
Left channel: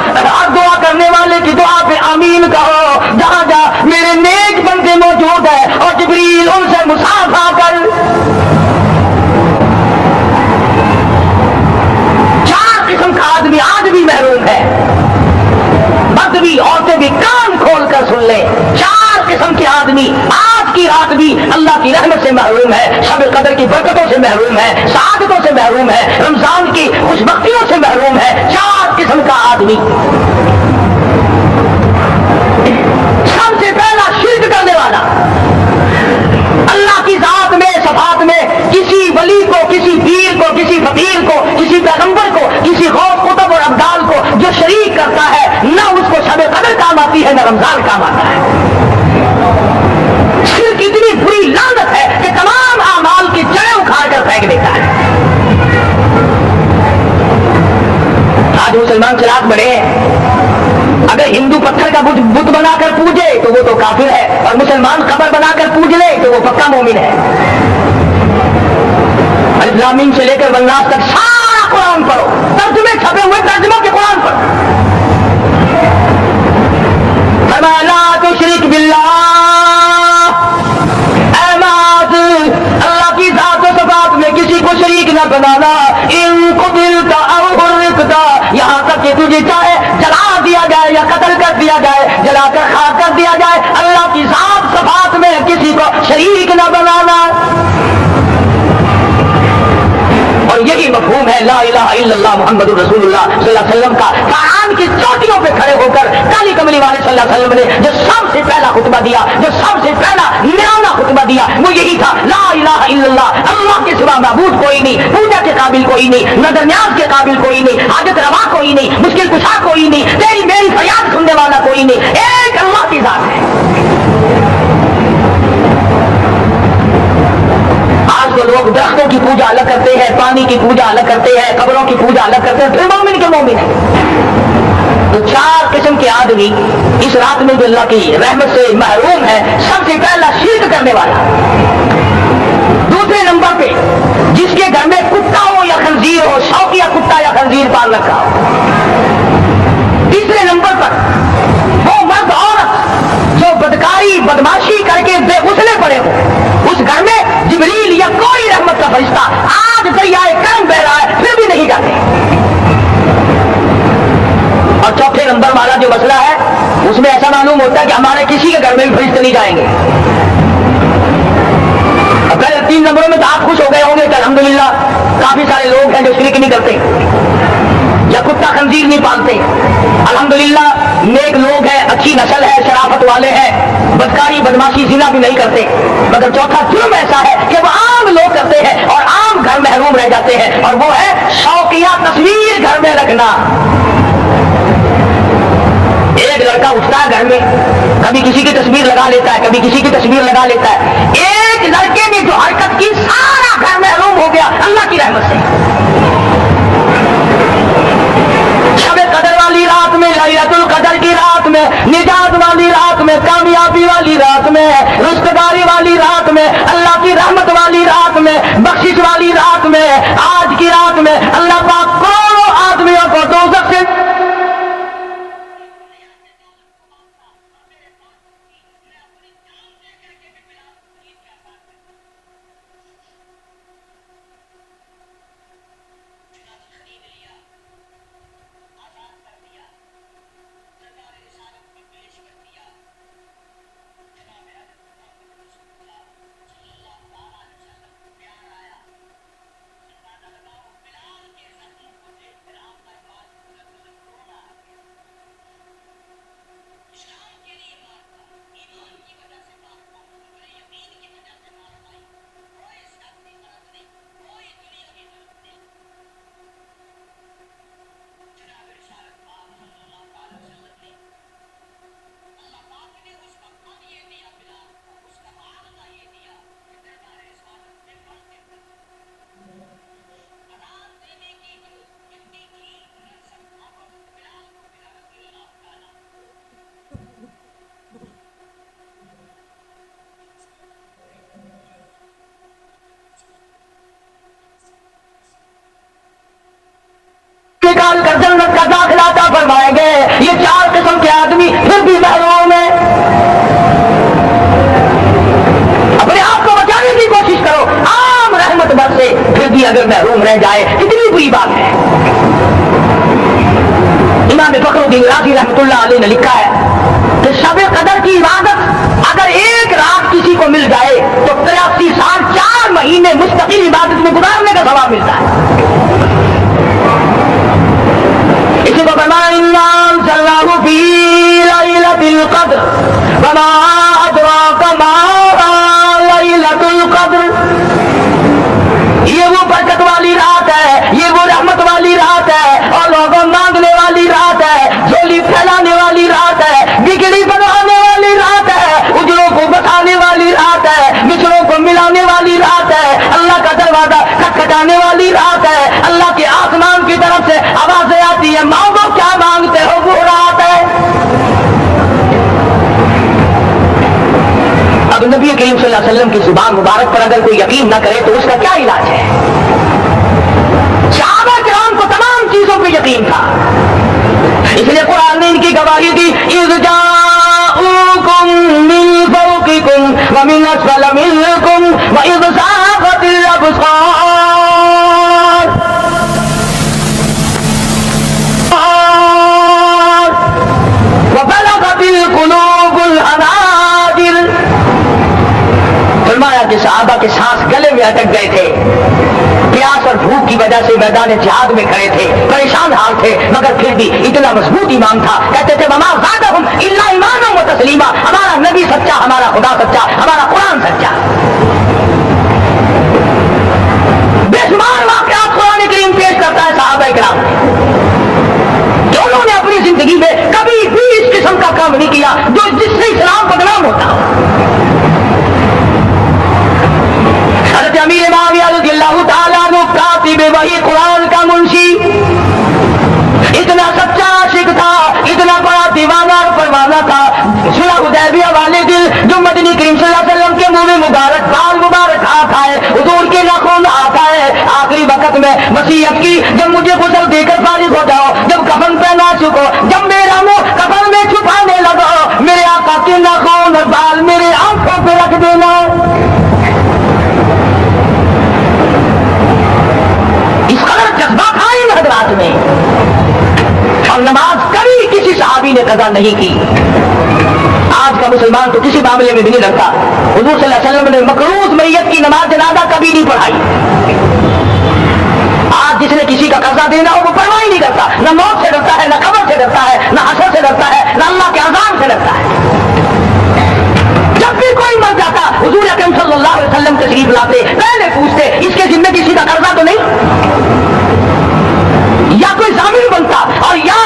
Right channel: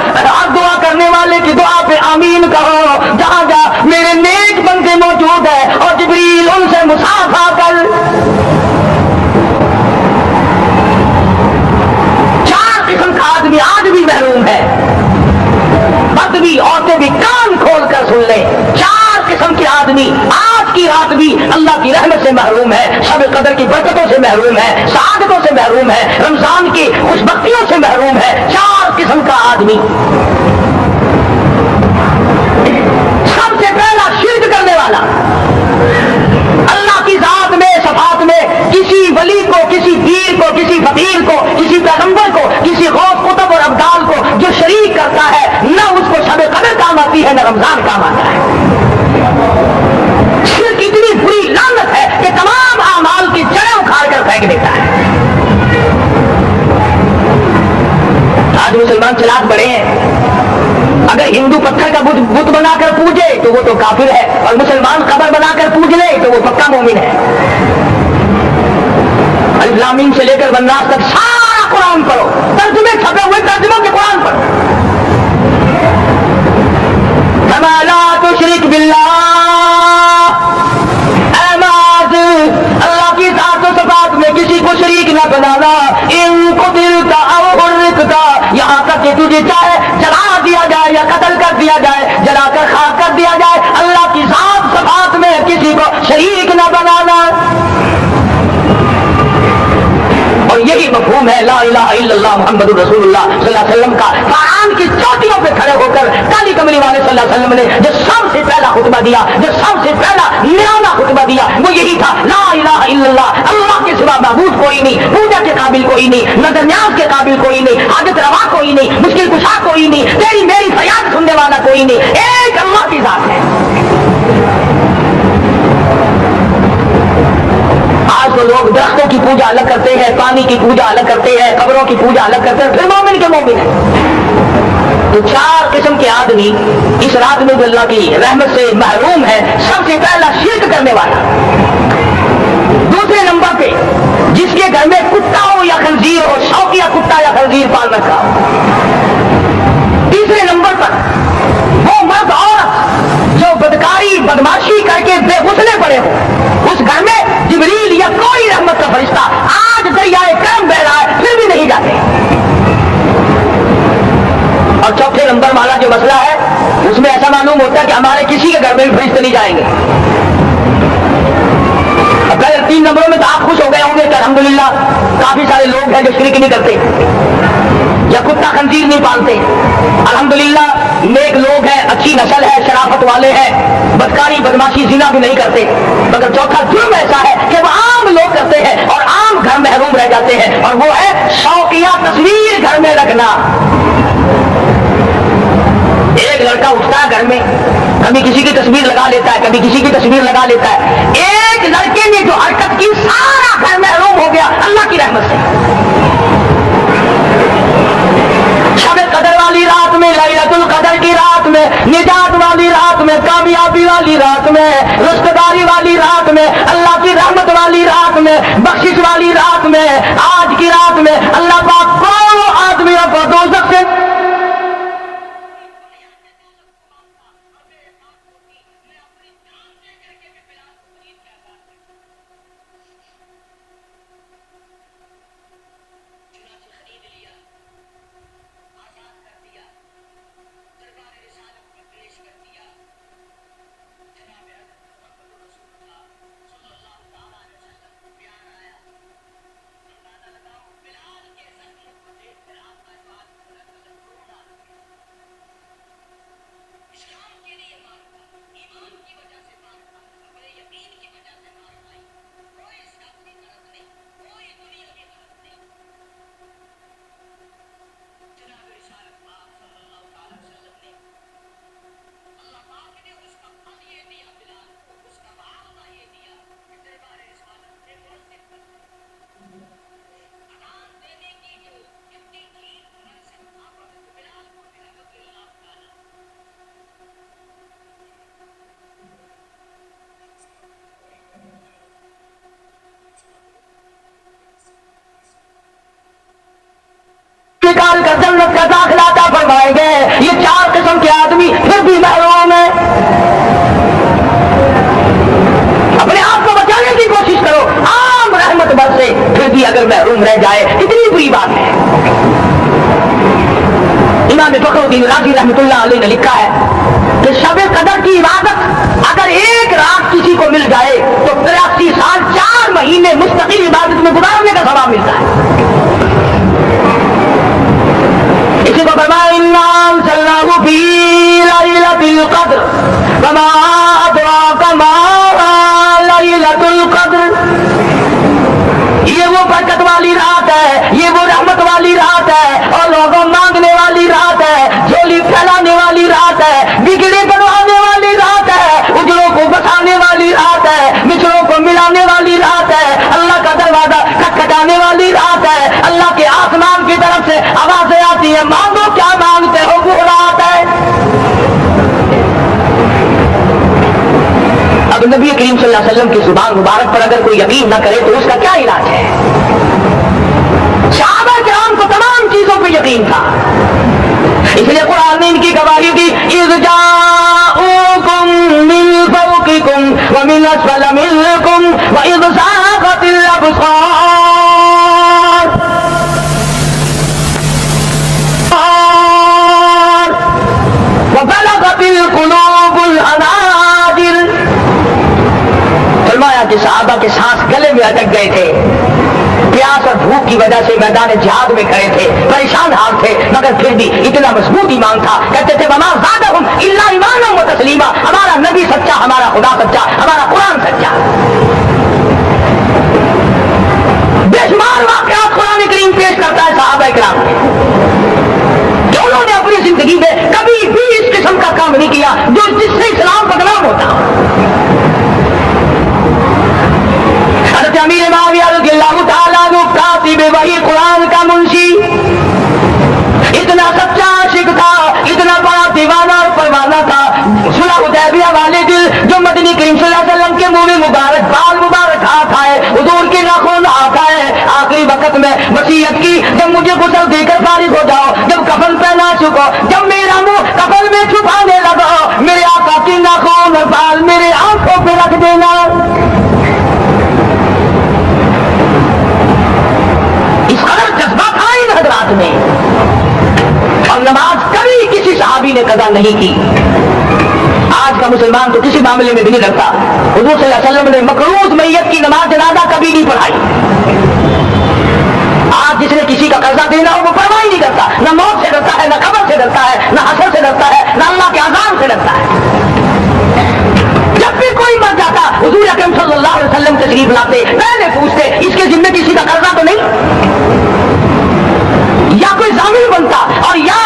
دعا کرنے والے کی دعا پہ آمین کہو. جہاں جا میرے نیک بندے موجود ہیں اور جبریل ان سے مصافحہ کر. چار قسم کا آدمی آج بھی محروم ہے, مرد بھی عورتیں بھی کان کھول کر سن لیں. چار قسم کے آدمی آج کی رات بھی اللہ کی رحمت سے محروم ہے, شب قدر کی برکتوں سے محروم ہے, سعادتوں سے محروم ہے, رمضان کی خوشبختیوں سے محروم ہے. چار قسم کا آدمی. سب سے پہلا شرک کرنے والا, اللہ کی ذات میں صفات میں کسی ولی کو, کسی پیر کو, کسی فقیر کو, کسی پیغمبر کو, کسی غوث قطب اور ابدال کو جو شریک کرتا ہے, نہ اس کو شب قدر کام آتی ہے نہ رمضان کام آتا ہے. شرک اتنی بری لعنت ہے کہ تمام اعمال کی جڑیں اکھاڑ کر پھینک دیتا ہے. آج مسلمان چلاک بڑے ہیں, اگر ہندو پتھر کا بت بنا کر پوجے تو وہ تو کافر ہے, اور مسلمان قبر بنا کر پوج لے تو وہ پکا مومن ہے. الف لام میم سے لے کر والناس تک سارا قرآن پڑھو, ترجمے چھپے ہوئے ترجموں کے قرآن پڑھو. فرمایا لا تشرک باللہ, اے معاذ اللہ کی ذات و صفات میں کسی کو شریک نہ بنانا. ان قتلت او حرقت, یہاں تک کہ تجھے چاہے جلا دیا جائے یا قتل کر دیا جائے, جلا کر خاک کر دیا جائے, اللہ کی ذات صفات میں کسی کو شریک نہ بنانا. اور یہی مفہوم ہے لا الہ الا اللہ محمد رسول اللہ صلی اللہ علیہ وسلم کا. قرآن کی چوٹیوں پہ کھڑے ہو کر کالی کملی والے صلی اللہ علیہ وسلم نے جو سب سے پہلا خطبہ دیا, جو سب سے پہلا نرالا خطبہ دیا, وہ یہی تھا لا الہ الا اللہ, اللہ کے سوا معبود کوئی نہیں, پوجا کے قابل کوئی نہیں, نظر نیاز کے قابل کوئی نہیں, حاجت روا کوئی نہیں, مشکل کشا کوئی نہیں, تیری میری فریاد سننے والا کوئی نہیں, ایک اللہ کی ذات ہے. آج تو لوگ درختوں کی پوجا الگ کرتے ہیں, پانی کی پوجا الگ کرتے ہیں, قبروں کی پوجا الگ کرتے ہیں, پھر مومن کے مومن ہیں. تو چار قسم کے آدمی اس رات میں جو اللہ کی رحمت سے محروم ہے. سب سے پہلا شرک کرنے والا, دوسرے نمبر پہ جس کے گھر میں کتا ہو یا خنزیر ہو, شوقیہ کتا یا خنزیر پال رکھا. تیسرے نمبر پر وہ مرد عورت جو بدکاری بدماشی کر کے بے غسلے پڑے ہو, اس گھر میں جبریل یا کوئی رحمت کا فرشتہ آج دریائے کرم بہ رہا ہے پھر بھی نہیں جاتے. اور چوتھے نمبر والا جو مسئلہ ہے اس میں ایسا معلوم ہوتا ہے کہ ہمارے کسی کے گھر میں بھی فرشتے نہیں جائیں گے. اب پہلے 3 نمبروں میں تو آپ خوش ہو گئے ہوں گے کہ الحمدللہ کافی سارے لوگ ہیں جو شرک نہیں کرتے یا کتا خنزیر نہیں پالتے, الحمدللہ نیک لوگ ہیں, اچھی نسل ہے, شرافت والے ہیں, بدکاری بدماشی زنا بھی نہیں کرتے. مگر چوتھا جرم ایسا ہے کہ وہ عام لوگ کرتے ہیں اور عام گھر محروم رہ جاتے ہیں, اور وہ ہے شوقیہ تصویر گھر میں رکھنا. ایک لڑکا اٹھتا ہے گھر میں, کبھی کسی کی تصویر لگا لیتا ہے, کبھی کسی کی تصویر لگا لیتا ہے. ایک لڑکے نے جو حرکت کی سارا گھر محروم ہو گیا اللہ کی رحمت سے. شب قدر والی رات میں, لیلۃ القدر کی رات میں, نجات والی رات میں, کامیابی والی رات میں, رزقداری والی رات میں, اللہ کی رحمت والی رات میں, بخشش والی رات میں, آج کی رات میں اللہ پاک کروڑوں آدمیوں کو دوزخ سے फरमाएंगे ये चार किस्म के आदमी फिर भी महरूम है। अपने आप को बचाने की कोशिश करो, आम रहमत बरसे फिर भी अगर महरूम रह जाए कितनी बुरी बात है। इमाम फखरुद्दीन राज़ी रहमतुल्लाह अलैह ने लिखा है कि शब कदर की इबादत अगर एक रात किसी को मिल जाए तो 83 साल 4 महीने मुस्तकिल इबादत में गुजारने का सवाब मिलता है। इसी को फरमाया इन्ना अंज़लनाहु फी लैलतिल क़द्र वमा अदराका मा लैलतुल क़द्र। ये वो बरकत वाली रात है, ये वो रहमत वाली रात है और लोगों मांगने वाली रात है, झोली फैलाने वाली रात है, बिगड़ी बनवाने वाली रात है, उजलों को बसाने वाली रात है, बिछड़ों को मिलाने वाली रात है, अल्लाह का दरवाजा खटखटाने वाली रात है, अल्लाह के आसमान की तरफ से आवाजें आती हैं मांगो क्या मांगते हो वो रात है। अब नबी करीम सल्लल्लाहु अलैहि वसल्लम की जुबान मुबारक पर अगर कोई यकीन न करे तो उसका क्या इलाज है। सहाबा किराम को तमाम चीजों पे यकीन था, इसलिए कुरान ने इनकी गवाही दी इज़ जाऊकुम मिन फौकिकुम व मिन अस्फल मिनकुम व इज़ ज़ाग़तिल अब्सार व बलगतिल कुलूबुल हनाजिर। फरमाया कि सहाबा के सांस गले में अटक गए थे, प्यास और भूख की वजह से मैदान जिहाद में खड़े थे, परेशान हाल थे, मगर फिर भी इतना मजबूत ईमान था। कहते थे वमा ज़ादहुम इल्ला ईमानन व तस्लीमा, हमारा नबी सच्चा, हमारा खुदा सच्चा, हमारा कुरान सच्चा। बेशुमार वाक़यात कुरान करीम पेश करता है सहाबा किराम कि उन्होंने अपनी जिंदगी में कभी भी इस किस्म का काम नहीं किया जो जिससे इस्लाम बदनाम होता हो। हज़रत अमीर मुआविया रज़ियल्लाहु ताला अन्हु कातिब वही कुरान का मुंशी, इतना सच्चा आशिक था, इतना बड़ा दीवाना और परवाना था। सुलह हुदैबिया वाले दिल जो मदनी करीम सल्लल्लाहु अलैहि वसल्लम के मुंह में मुबारक बाल मुबारक हाथ आए, हुजूर के नाखून हाथ आए, आखिरी वक्त में वसीयत की जब मुझे गुस्ल देकर फारिग हो जाओ, जब कफन पहना चुको, जब मेरा मुंह कफन में छुपाने लगा, मेरे आका के नाखून और बाल मेरे आंखों पे रख देना। इस कदर जज्बा था इन हज़रात में, और नमाज कभी किसी सहाबी ने कज़ा नहीं की। आज का मुसलमान तो किसी मामले में भी नहीं लगता। हुजूर सल्लल्लाहु अलैहि वसल्लम ने मकरूज मैयत की नमाज जनाजा कभी नहीं पढ़ाई। आज जिसने किसी का कर्जा देना हो वो परवाह ही नहीं करता, न मौत से डरता है, न कब्र से डरता है, न हशर से डरता है, न अल्लाह के अज़ाब से डरता है। जब भी कोई मर जाता हुजूर अकरम सल्लल्लाहु अलैहि वसल्लम तशरीफ लाते, पहले पूछते इसके जिम्मे किसी का कर्जा तो नहीं, या कोई जामिन बनता, और या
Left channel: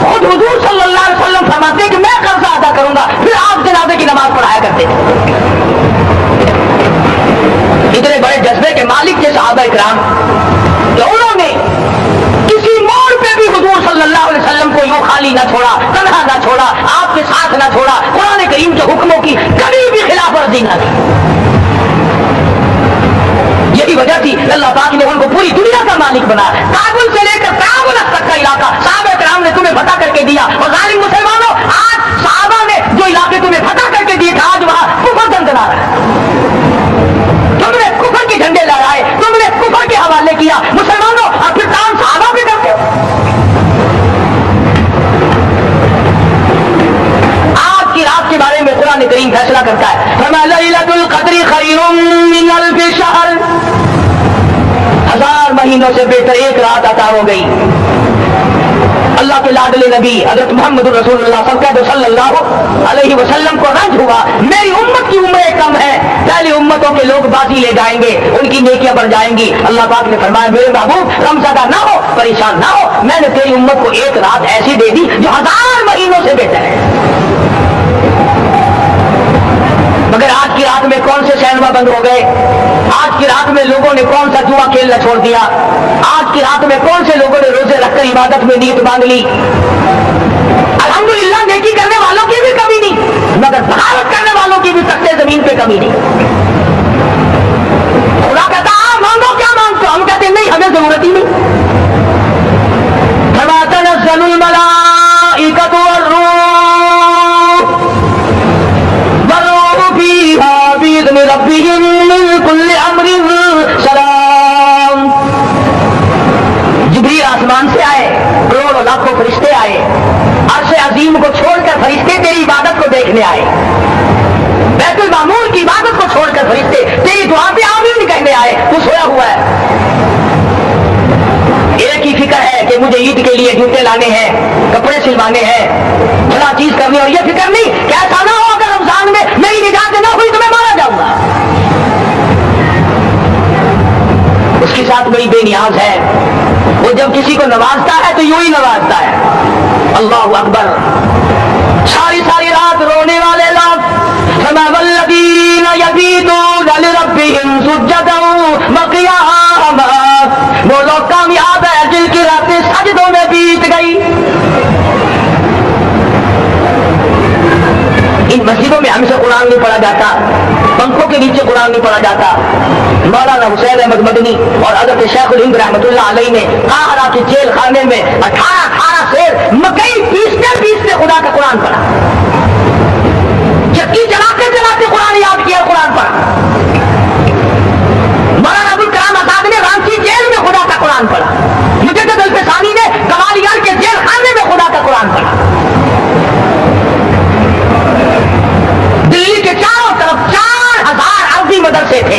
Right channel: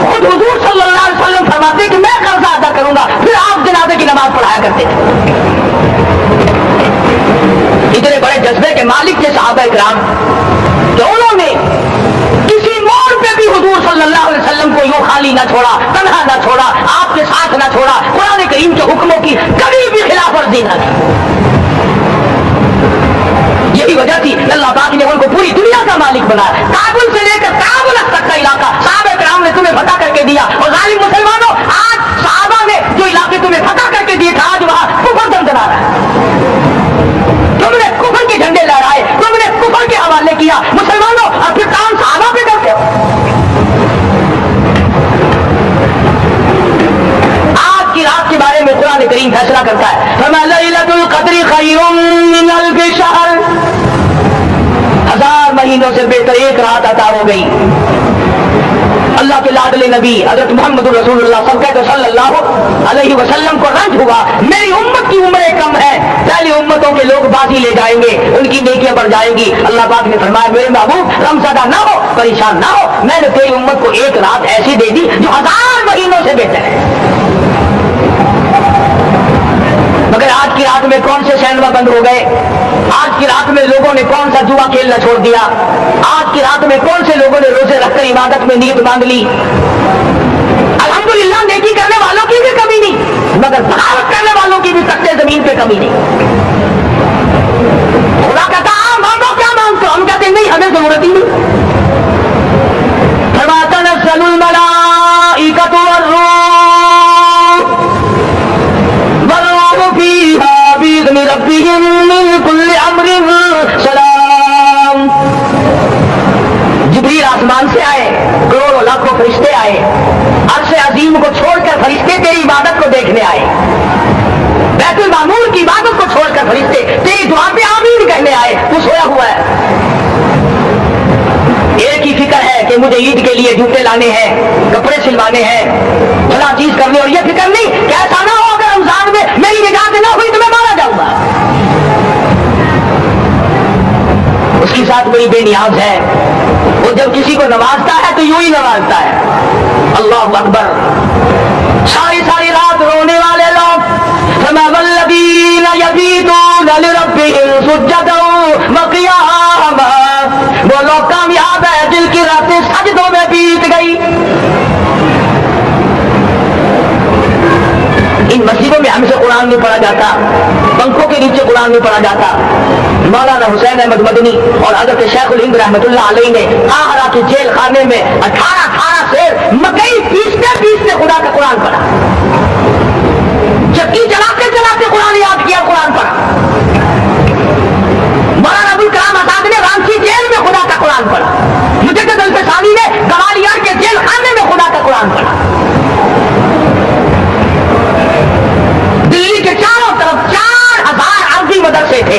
खुद हुजूर सल्लल्लाहु अलैहि वसल्लम फरमाते कि मैं कर्जा अदा करूंगा, फिर आप जनाजे की नमाज पढ़ाया करते थे। इतने बड़े जज्बे के मालिक थे सहाबा इकराम कि उन्होंने किसी मोड़ पे भी हुजूर सल्लल्लाहु अलैहि वसल्लम को यूं खाली ना छोड़ा, तन्हा ना छोड़ा, आपके साथ ना छोड़ा, कुरान करीम के हुक्मों की कभी भी खिलाफवर्जी न की। यही वजह थी अल्लाह पाक ने उनको पूरी दुनिया का मालिक बनाया। काबुल से लेकर काबुल तक का इलाका सहाबा किराम ने तुम्हें फतह करके दिया, और जालिम मुसलमानों आज सहाबा ने जो इलाके तुम्हें फतह करके दिए आज वहां कुफर दंदना रहा है। तुमने कुफर के झंडे लहराए, तुमने कुफर के हवाले किया मुसलमानों, और फिर काम सहाबा पे करते हो। आज की रात के बारे में कुरान करीम फैसला करता है, फरमा लैलतुल क़द्री खैरुम मिन अल्फ़ि शहर, 1000 महीनों से बेहतर एक रात अता हो गई। अल्लाह के लाडले नबी हजरत मोहम्मद रसूलुल्लाह सल्लल्लाहु अलैहि वसल्लम को रंज हुआ, मेरी उम्मत की उम्रें कम है, पहले उम्मतों के लोग बाजी ले जाएंगे, उनकी नेकियां बढ़ जाएंगी। अल्लाह पाक ने फरमाया मेरे महबूब रमज़ादा ना हो, परेशान ना हो, मैंने तेरी उम्मत को एक रात ऐसी दे दी जो 1000 महीनों से बेहतर है। मगर आज की रात में कौन से सिनेमा बंद हो गए, आज की रात में लोगों ने कौन सा जुआ खेलना छोड़ दिया, आज की रात में कौन से लोगों ने रोजे रखकर इबादत में नीयत मांग ली। अल्हम्दुलिल्लाह नेकी करने वालों की भी कमी नहीं, मगर बगावत करने वालों की भी तख्ते जमीन पे कमी नहीं। खुदा कहता मांगो क्या मांगते हो, हम कहते नहीं हमें जरूरत ही नहीं। तनज़्ज़लुल मलाइका لربهم من كل امر سلام. جبریل آسمان سے آئے, کروڑوں لاکھوں فرشتے آئے, عرش عظیم کو چھوڑ کر فرشتے تیری عبادت کو دیکھنے آئے, بیت المعمور کی عبادت کو چھوڑ کر فرشتے تیری دعا پہ آمین کہنے آئے. تو سویا ہوا ہے, ایک ہی فکر ہے کہ مجھے عید کے لیے جوتے لانے ہیں, کپڑے سلوانے ہیں, فلاں چیز کرنی, اور یہ فکر نہیں کہ ایسا نہ ہو اگر رمضان میں میری نجات نہ ہوئی تو میں مارا جاؤں گا. اس کی ذات بڑی بے نیاز ہے, وہ جب کسی کو نوازتا ہے تو یوں ہی نوازتا ہے. اللہ اکبر. ساری ساری رات رونے والے لوگ, فما والذین یبیتون لربہم سجدا وقیاما, وہ لوگ کامیاب ہے جن کی راتیں سجدوں میں بیت گئی. ان مسجدوں میں ہم سے قرآن نہیں پڑھا جاتا, پنکھوں کے نیچے قرآن نہیں پڑھا جاتا. مولانا حسین احمد مدنی اور حضرت شیخ الہند رحمۃ اللہ علیہ نے قاہرہ کے جیل خانے میں 18 سے مکئی پیستے خدا کا قرآن پڑھا. چکی چلاتے چلاتے قرآن یاد کیا, قرآن پڑھا. مولانا ابوالکلام آزاد نے رانچی جیل میں خدا کا قرآن پڑھا. مجدد الفسانی نے گوالیار کے جیل خانے میں خدا کا قرآن پڑھا. دلی کے چاروں طرف 4000 عربی مدرسے تھے,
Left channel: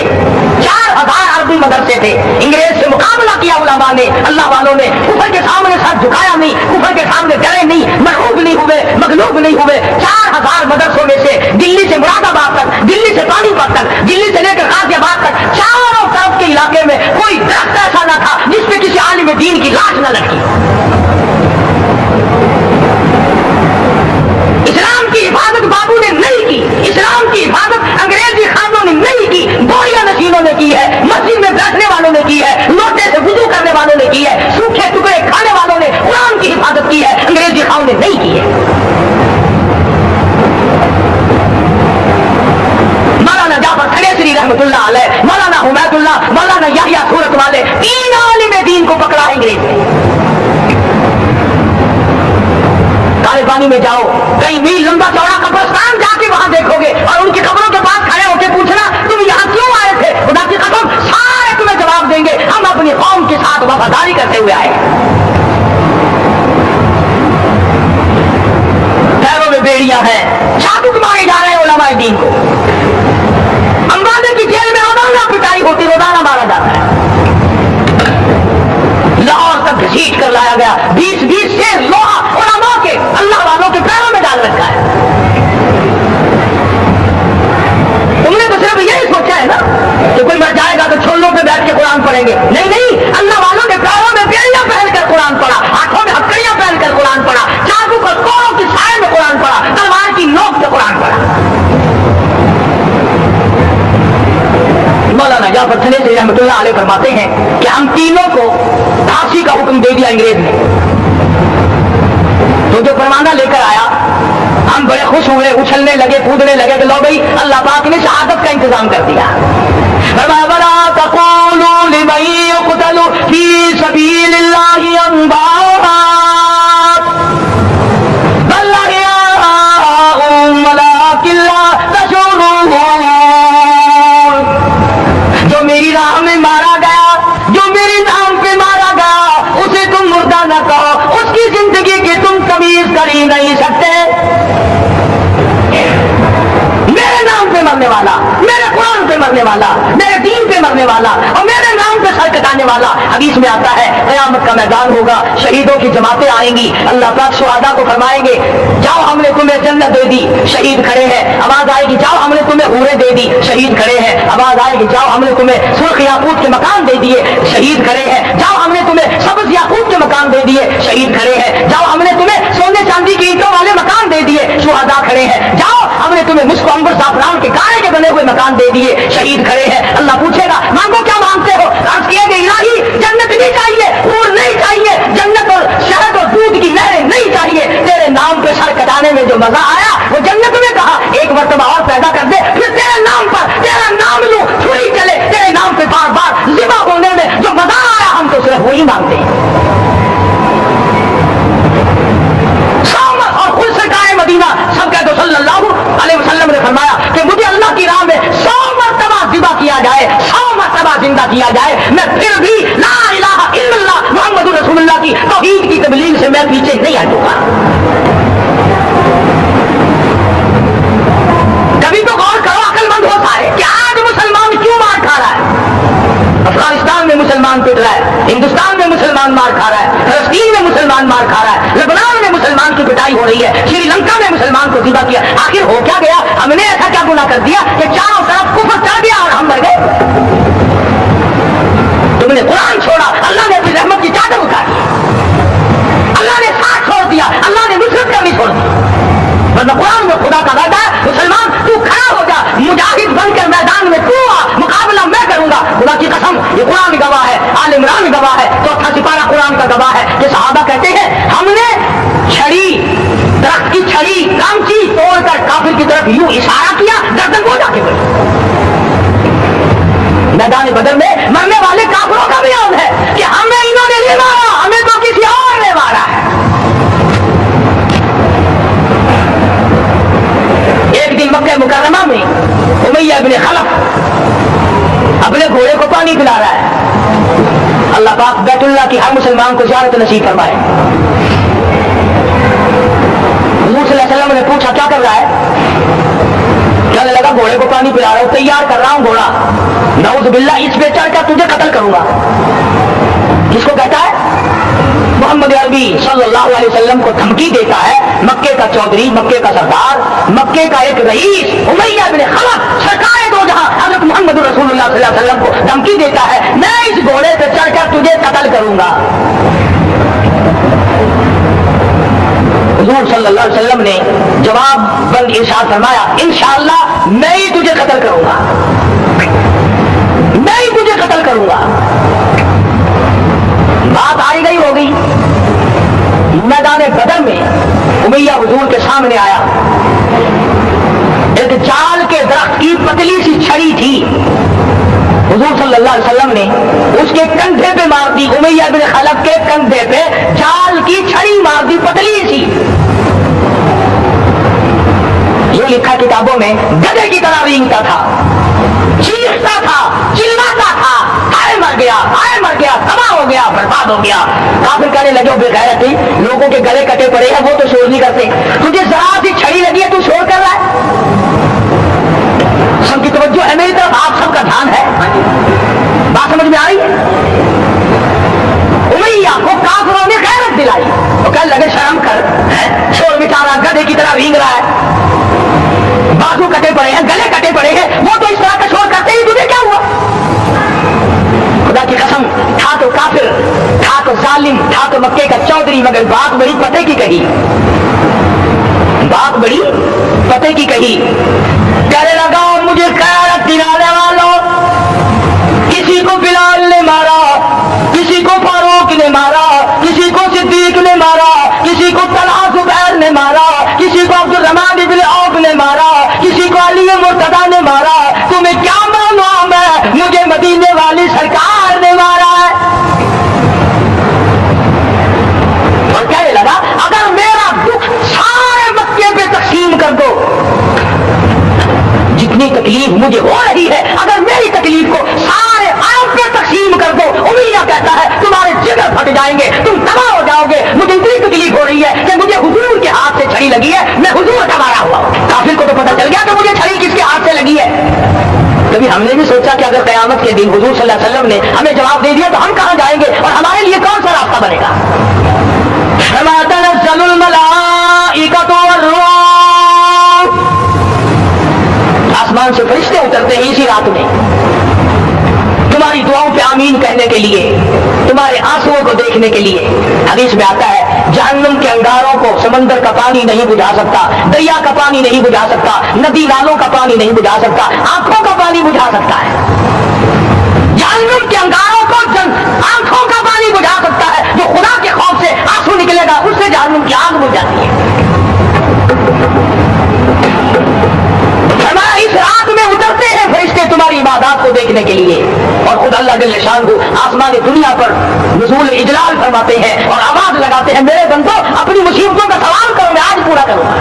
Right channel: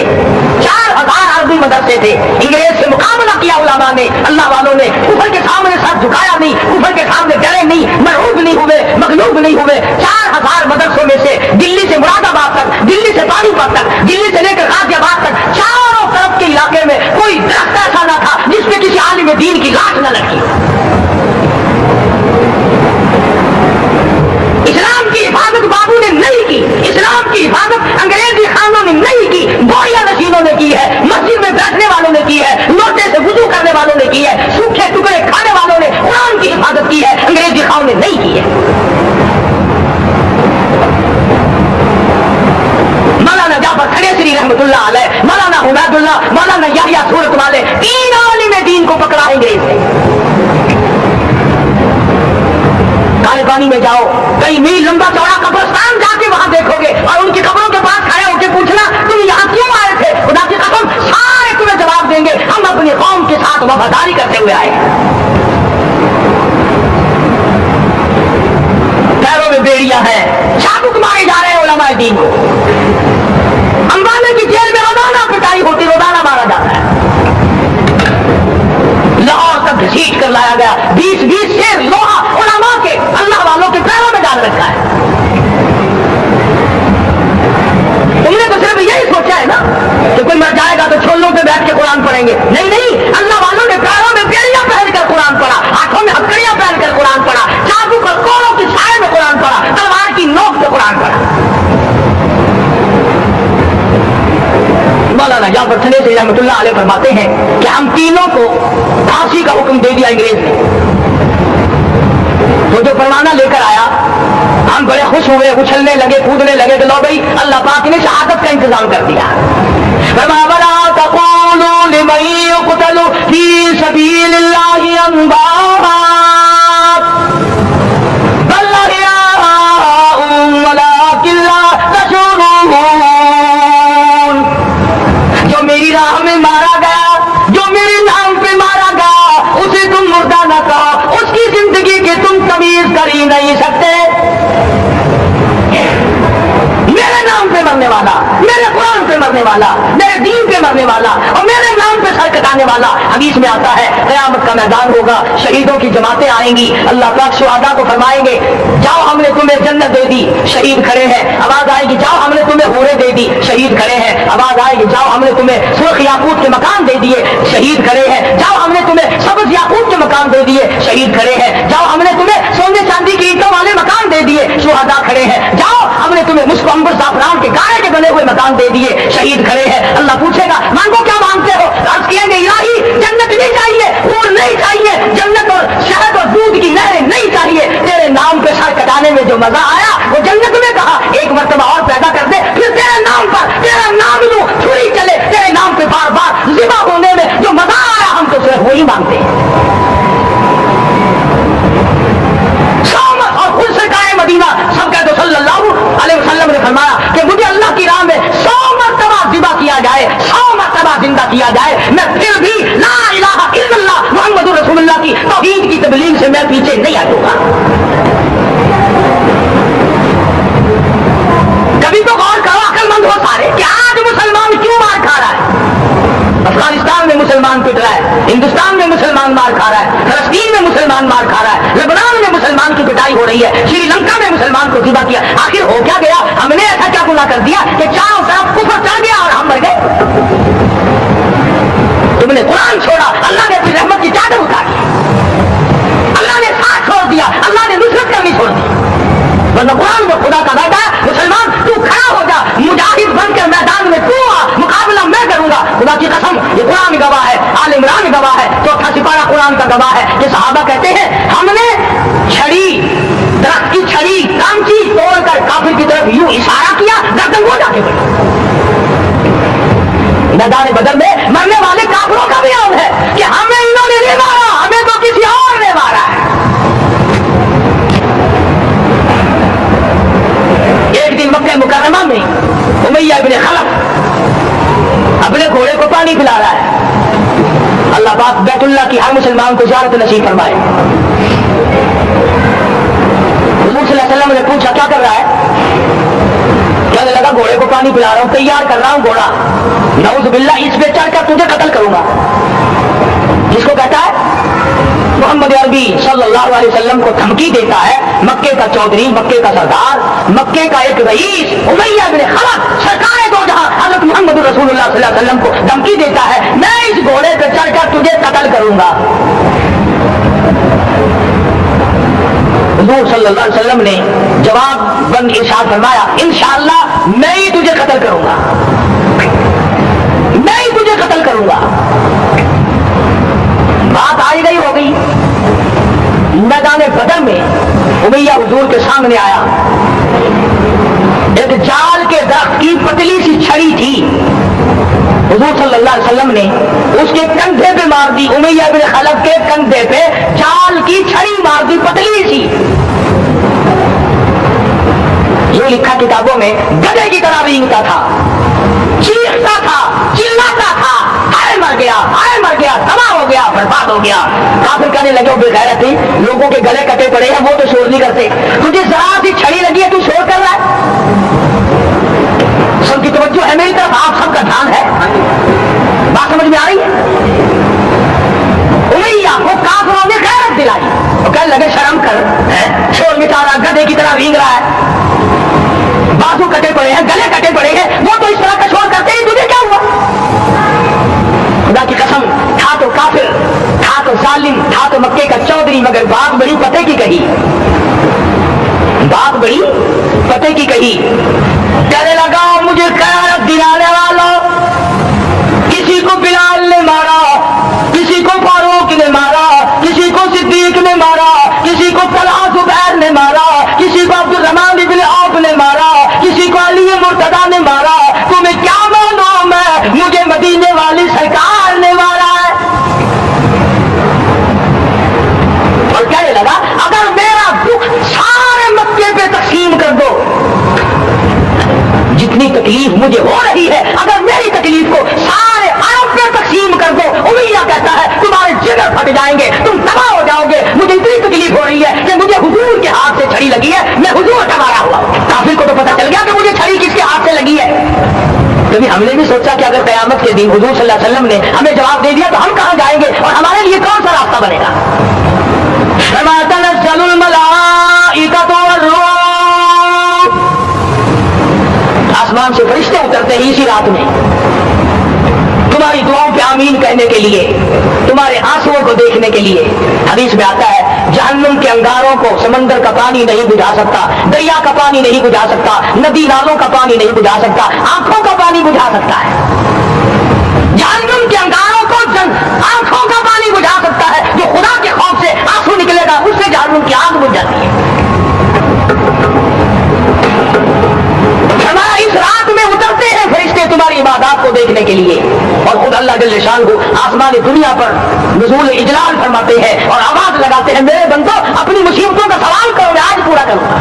4000 عربی مدرسے تھے. انگریز سے مقابلہ کیا علماء نے, اللہ والوں نے. کفر کے سامنے سر جھکایا نہیں, کفر کے سامنے ڈرے نہیں, مرعوب نہیں ہوئے, مغلوب نہیں ہوئے. 4000 مدرسوں میں سے دلی سے مراد آباد تک, دلی سے پانی پت تک, دلی سے لے کر غازی آباد تک, چاروں طرف کے علاقے میں کوئی درخت ایسا نہ تھا جس پہ کسی عالم دین کی لاش نہ لٹکی. اسلام کی حفاظت بابو نے نہیں کی, اسلام کی حفاظت انگریزی خانوں نے نہیں کی, گولیاں نشینوں نے کی ہے, مسجد میں بیٹھنے والوں نے کی ہے, لوٹے سے وضو کرنے والوں نے کی ہے, سوکھے ٹکڑے کھانے والوں نے قرآن کی حفاظت کی ہے, انگریزی خانوں نے نہیں کی ہے. مولانا جعفر کھڑیسری رحمۃ اللہ علیہ, مولانا حمید اللہ, مولانا یحییٰ سورت والے, 3 عالم دین کو پکڑا انگریز نے. کالے پانی میں جاؤ, کئی میل لمبا چوڑا قبرستان جا کے وہاں دیکھو گے, اور ان کی قبروں کے پاس کھڑے ہو کے پوچھنا تم یہاں کیوں آئے تھے, خدا کی قسم سارے تمہیں جواب دیں گے ہم اپنی قوم کے ساتھ وفاداری کرتے ہوئے آئے. پیروں میں بیڑیاں ہیں, چابک مارے جا رہے ہیں علماء دین کو. امبانے کی جیل میں روزانہ پٹائی ہوتی, روزانہ مارا جاتا ہے. لاہور تک گھسیٹ کر لایا گیا, 20 شیر لوہا علماء کے, اللہ والوں کے پیروں میں ڈال رکھا ہے. تم نے تو صرف یہی سوچا ہے نا کہ کوئی مر جائے گا تو چھولوں پہ بیٹھ کے قرآن پڑھیں گے. نہیں نہیں, اللہ والوں نے پیروں میں بیڑیاں پہن کر قرآن پڑھا, ہاتھوں میں ہتھکڑیاں پہن کر قرآن پڑھا, چاقو اور کوڑوں کی سائے میں قرآن پڑھا, تلوار کی نوک سے قرآن پڑھا. مولانا جعفر کھڑیسری رحمۃ اللہ علیہ فرماتے ہیں کہ ہم تینوں کو پھانسی کا حکم دے دیا انگریز نے. تو جو پروانہ لے کر آیا ہم بڑے خوش ہوئے, اچھلنے لگے, کودنے لگے کہ لو بھائی اللہ پاک نے شہادت کا انتظام کر دیا. وَلَا تَقُولُوا لِمَن يُقْتَلُ فِي سَبِيلِ اللَّهِ أَمْوَاتٌ بَلْ أَحْيَاءٌ وَلَٰكِن لَّا تَشْعُرُونَ. جو میری راہ میں مارا گیا, جو میرے نام پہ مارا گیا, اسے تم مردہ نہ کہو, اس کی زندگی کی تم تمیز کر ہی نہیں سکتے. میرے نام پہ مرنے والا, میرے قرآن پہ مرنے والا, میرے دین پہ مرنے والا اور میرے نام پہ سر کٹانے والا. حدیث میں آتا ہے قیامت کا میدان ہوگا, شہیدوں کی جماعتیں آئیں گی, اللہ پاک شہداء کو فرمائیں گے جاؤ ہم نے تمہیں جنت دے دی, شہید کھڑے ہیں. آواز آئے گی جاؤ ہم نے تمہیں حوریں دے دی, شہید کھڑے ہیں. آواز آئے گی جاؤ ہم نے تمہیں سرخ یاقوت کے مکان دے دیے, شہید کھڑے ہیں. جاؤ ہم نے تمہیں سبز یاقوت کے مکان دے دیے, شہید کھڑے ہیں. جاؤ ہم نے تمہیں سونے چاندی کی اینٹوں والے مکان دے دیے, شہداء کھڑے ہیں. جاؤ ہم نے تمہیں مشک عنبر زعفران کے گائے کے بنے ہوئے مکان دے دیے, شہید کھڑے ہیں. اللہ پوچھے گا مانگو کیا مانگتے ہو, عرض کیے گے الہی جنت نہیں چاہیے, حور نہیں چاہیے, جنت اور شہد اور دودھ کی نہریں نہیں چاہیے, تیرے نام پہ سر کٹانے میں جو مزہ آیا وہ جنت میں کہا ایک مرتبہ اور پیدا کر دے, پھر تیرے نام پر تیرا نام لوں, چھری چلے تیرے نام پہ بار بار ذبح ہونے میں جو مزہ آیا ہم تو صرف وہی مانگتے ہیں. اور خود سرکار مدینہ سب کہتے صلی اللہ علیہ وسلم نے فرمایا کہ مجھے اللہ کی راہ میں 100 مرتبہ किया जाए, मैं फिर भी ला इलाहा इल्लल्लाह मुहम्मदुर रसूलुल्लाह की तौहीद की तबलीग से मैं पीछे नहीं हटूंगा। कभी तो गौर करो अक्लमंद हो सारे कि आज मुसलमान क्यों मार खा रहा है। अफगानिस्तान में मुसलमान पिट रहा है, हिंदुस्तान में मुसलमान मार खा रहा है, फलस्तीन में मुसलमान मार खा रहा है, लेबनान में मुसलमान की पिटाई हो रही है, श्रीलंका में मुसलमान को ज़िबा किया। आखिर हो क्या गया? हमने ऐसा क्या गुनाह कर दिया कि चारों तरफ कुफ्र चढ़ गया और हम मर गए? तुमने कुरान छोड़ा, अल्लाह ने अपनी रहमत की चादर उतारी, अल्लाह ने साथ छोड़ दिया, अल्लाह ने नुसरत करनी छोड़ दी। वरना कुरान में खुदा का वादा है, मुसलमान तू खड़ा हो जा, मुजाहिद बनकर मैदान में तू आ, मुकाबला मैं करूंगा। खुदा की कसम, ये कुरान गवाह है, आल इमरान गवाह है, चौथा सिपारा कुरान का गवाह है कि सहाबा कहते हैं हमने छड़ी, दरख्त की छड़ी कांची तोड़कर काफिर की तरफ यूं इशारा किया, गर्दन वो जाके बढ़ी। मैदान बदर में मरने वाले काफिरों का बयान है कि हमें इन्होंने नहीं मारा, हमें तो किसी और ने मारा है। एक दिन मक्का मुकर्रमा में उमैया इब्न खलफ अपने घोड़े को पानी पिला रहा है। अल्लाह पाक बैतुल्लाह की हर मुसलमान को ज़ियारत नसीब फरमाए। हुज़ूर सल्लल्लाहु अलैहि वसल्लम ने पूछा क्या कर रहा है? कहने लगा घोड़े को पानी पिला रहा हूं, तैयार कर रहा हूं घोड़ा, नाउज़ बिल्लाह इस पे चढ़कर तुझे कत्ल करूंगा। किसको कहता है? मोहम्मद अरबी सल्लल्लाहु अलैहि वसल्लम को धमकी देता है मक्के का चौधरी, मक्के का सरदार, मक्के का एक रईस उमैया बिन खलफ सरकारे दो जहां हजरत मोहम्मद रसूलुल्लाह सल्लल्लाहु अलैहि वसल्लम को धमकी देता है मैं इस घोड़े पे चढ़कर तुझे कत्ल करूंगा। हुजूर सल्लल्लाहु अलैहि वसल्लम ने जवाब इरशाद फरमाया इंशाअल्लाह मैं ही तुझे कत्ल करूंगा, मैं ही तुझे कत्ल करूंगा। बात आई गई हो गई। मैदान बदर में उमैया हुजूर के सामने आया, एक जाल के दरख्त की पतली सी छड़ी थी, हुजूर सल्लल्लाहु अलैहि वसल्लम ने उसके कंधे पे मार दी। उमैया बिन खलफ के कंधे पे जाल की छड़ी मार दी, पतली सी। ये लिखा किताबों में, गधे की तरह रींगता था, चीखता था, चिल्लाता था, हाय मर गया, हाय मर गया, तबाह हो गया, बर्बाद हो गया। काफिर कहने लगे बेगैरत थी, लोगों के गले कटे पड़े हैं, वो तो शोर नहीं करते, तुझे जरा सी छड़ी लगी है, तू शोर कर रहा है। सबकी तवज्जो है मेरी तरफ, आप सबका ध्यान है, बात समझ में आ रही है? उमैया को काफिरों ने गैरत दिलाई, वो कहने लगे शर्म कर, शोर मिटा रहा, गधे की तरह रींग रहा है, बाजू कटे पड़े हैं, गले कटे पड़े हैं, वो तो इस तरह का शोर करते ही तुझे क्या हुआ? खुदा की कसम, था तो काफिर, था तो जालिम, था तो मक्के का चौधरी, मगर बात बड़ी पते की कही, बात बड़ी पते की कही। कहने लगा मुझे गैरत दिलाने वालों, किसी को बिलाल ने मारा, किसी को फारूक ने मारा, किसी को सिद्दीक ने मारा, किसी को तलहा जुबैर ने मारा, किसी को अब्दुल रहमान इब्न औफ ने मारा, किसी को अली मुर्तजा ने मारा, तुम्हें क्या मालूम है मुझे मदीने वाली सरकार ने मारा है। और कहने लगा अगर मेरा दुख सारे मक्के पे तकसीम कर दो, जितनी तकलीफ मुझे हो रही है अगर मेरी तकलीफ को सारे अरब पे तकसीम कर दो, उमैया कहता है तुम्हारे जिगर फट जाएंगे, तुम तबाह हो जाओगे। मुझे इतनी तकलीफ हो रही है कि मुझे हुजूर के हाथ से छड़ी लगी है, मैं हुजूर का मारा हुआ। काफिर को तो पता चल गया कि मुझे छड़ी किसके हाथ से लगी है। कभी हमने भी सोचा कि अगर क़यामत के दिन हुजूर सल्लल्लाहु अलैहि वसल्लम ने हमें जवाब दे दिया तो हम कहां जाएंगे और हमारे लिए कौन सा रास्ता बनेगा? आसमान से फरिश्ते उतरते हैं इसी रात में तुम्हारी दुआओं पे आमीन कहने के लिए, तुम्हारे आंसुओं को देखने के लिए। हदीस में आता है जहन्नम के अंगारों को समंदर का पानी नहीं बुझा सकता, दरिया का पानी नहीं बुझा सकता, नदी नालों का पानी नहीं बुझा सकता, आंखों का पानी बुझा सकता है। जहन्नम के अंगारों को आंखों का पानी बुझा सकता है, जो खुदा के खौफ से आंसू निकलेगा उससे जहन्नम की आग बुझ जाती है। इस रात में उतरते हैं फरिश्ते तुम्हारी इबादत को देखने के लिए, और खुद अल्लाह जल्ल शानहू आसमान दुनिया पर नुज़ूल इजलाल फरमाते हैं और आवाज लगाते हैं मेरे बंदो अपनी मुसीबतों का सवाल करो, मैं आज पूरा करूंगा।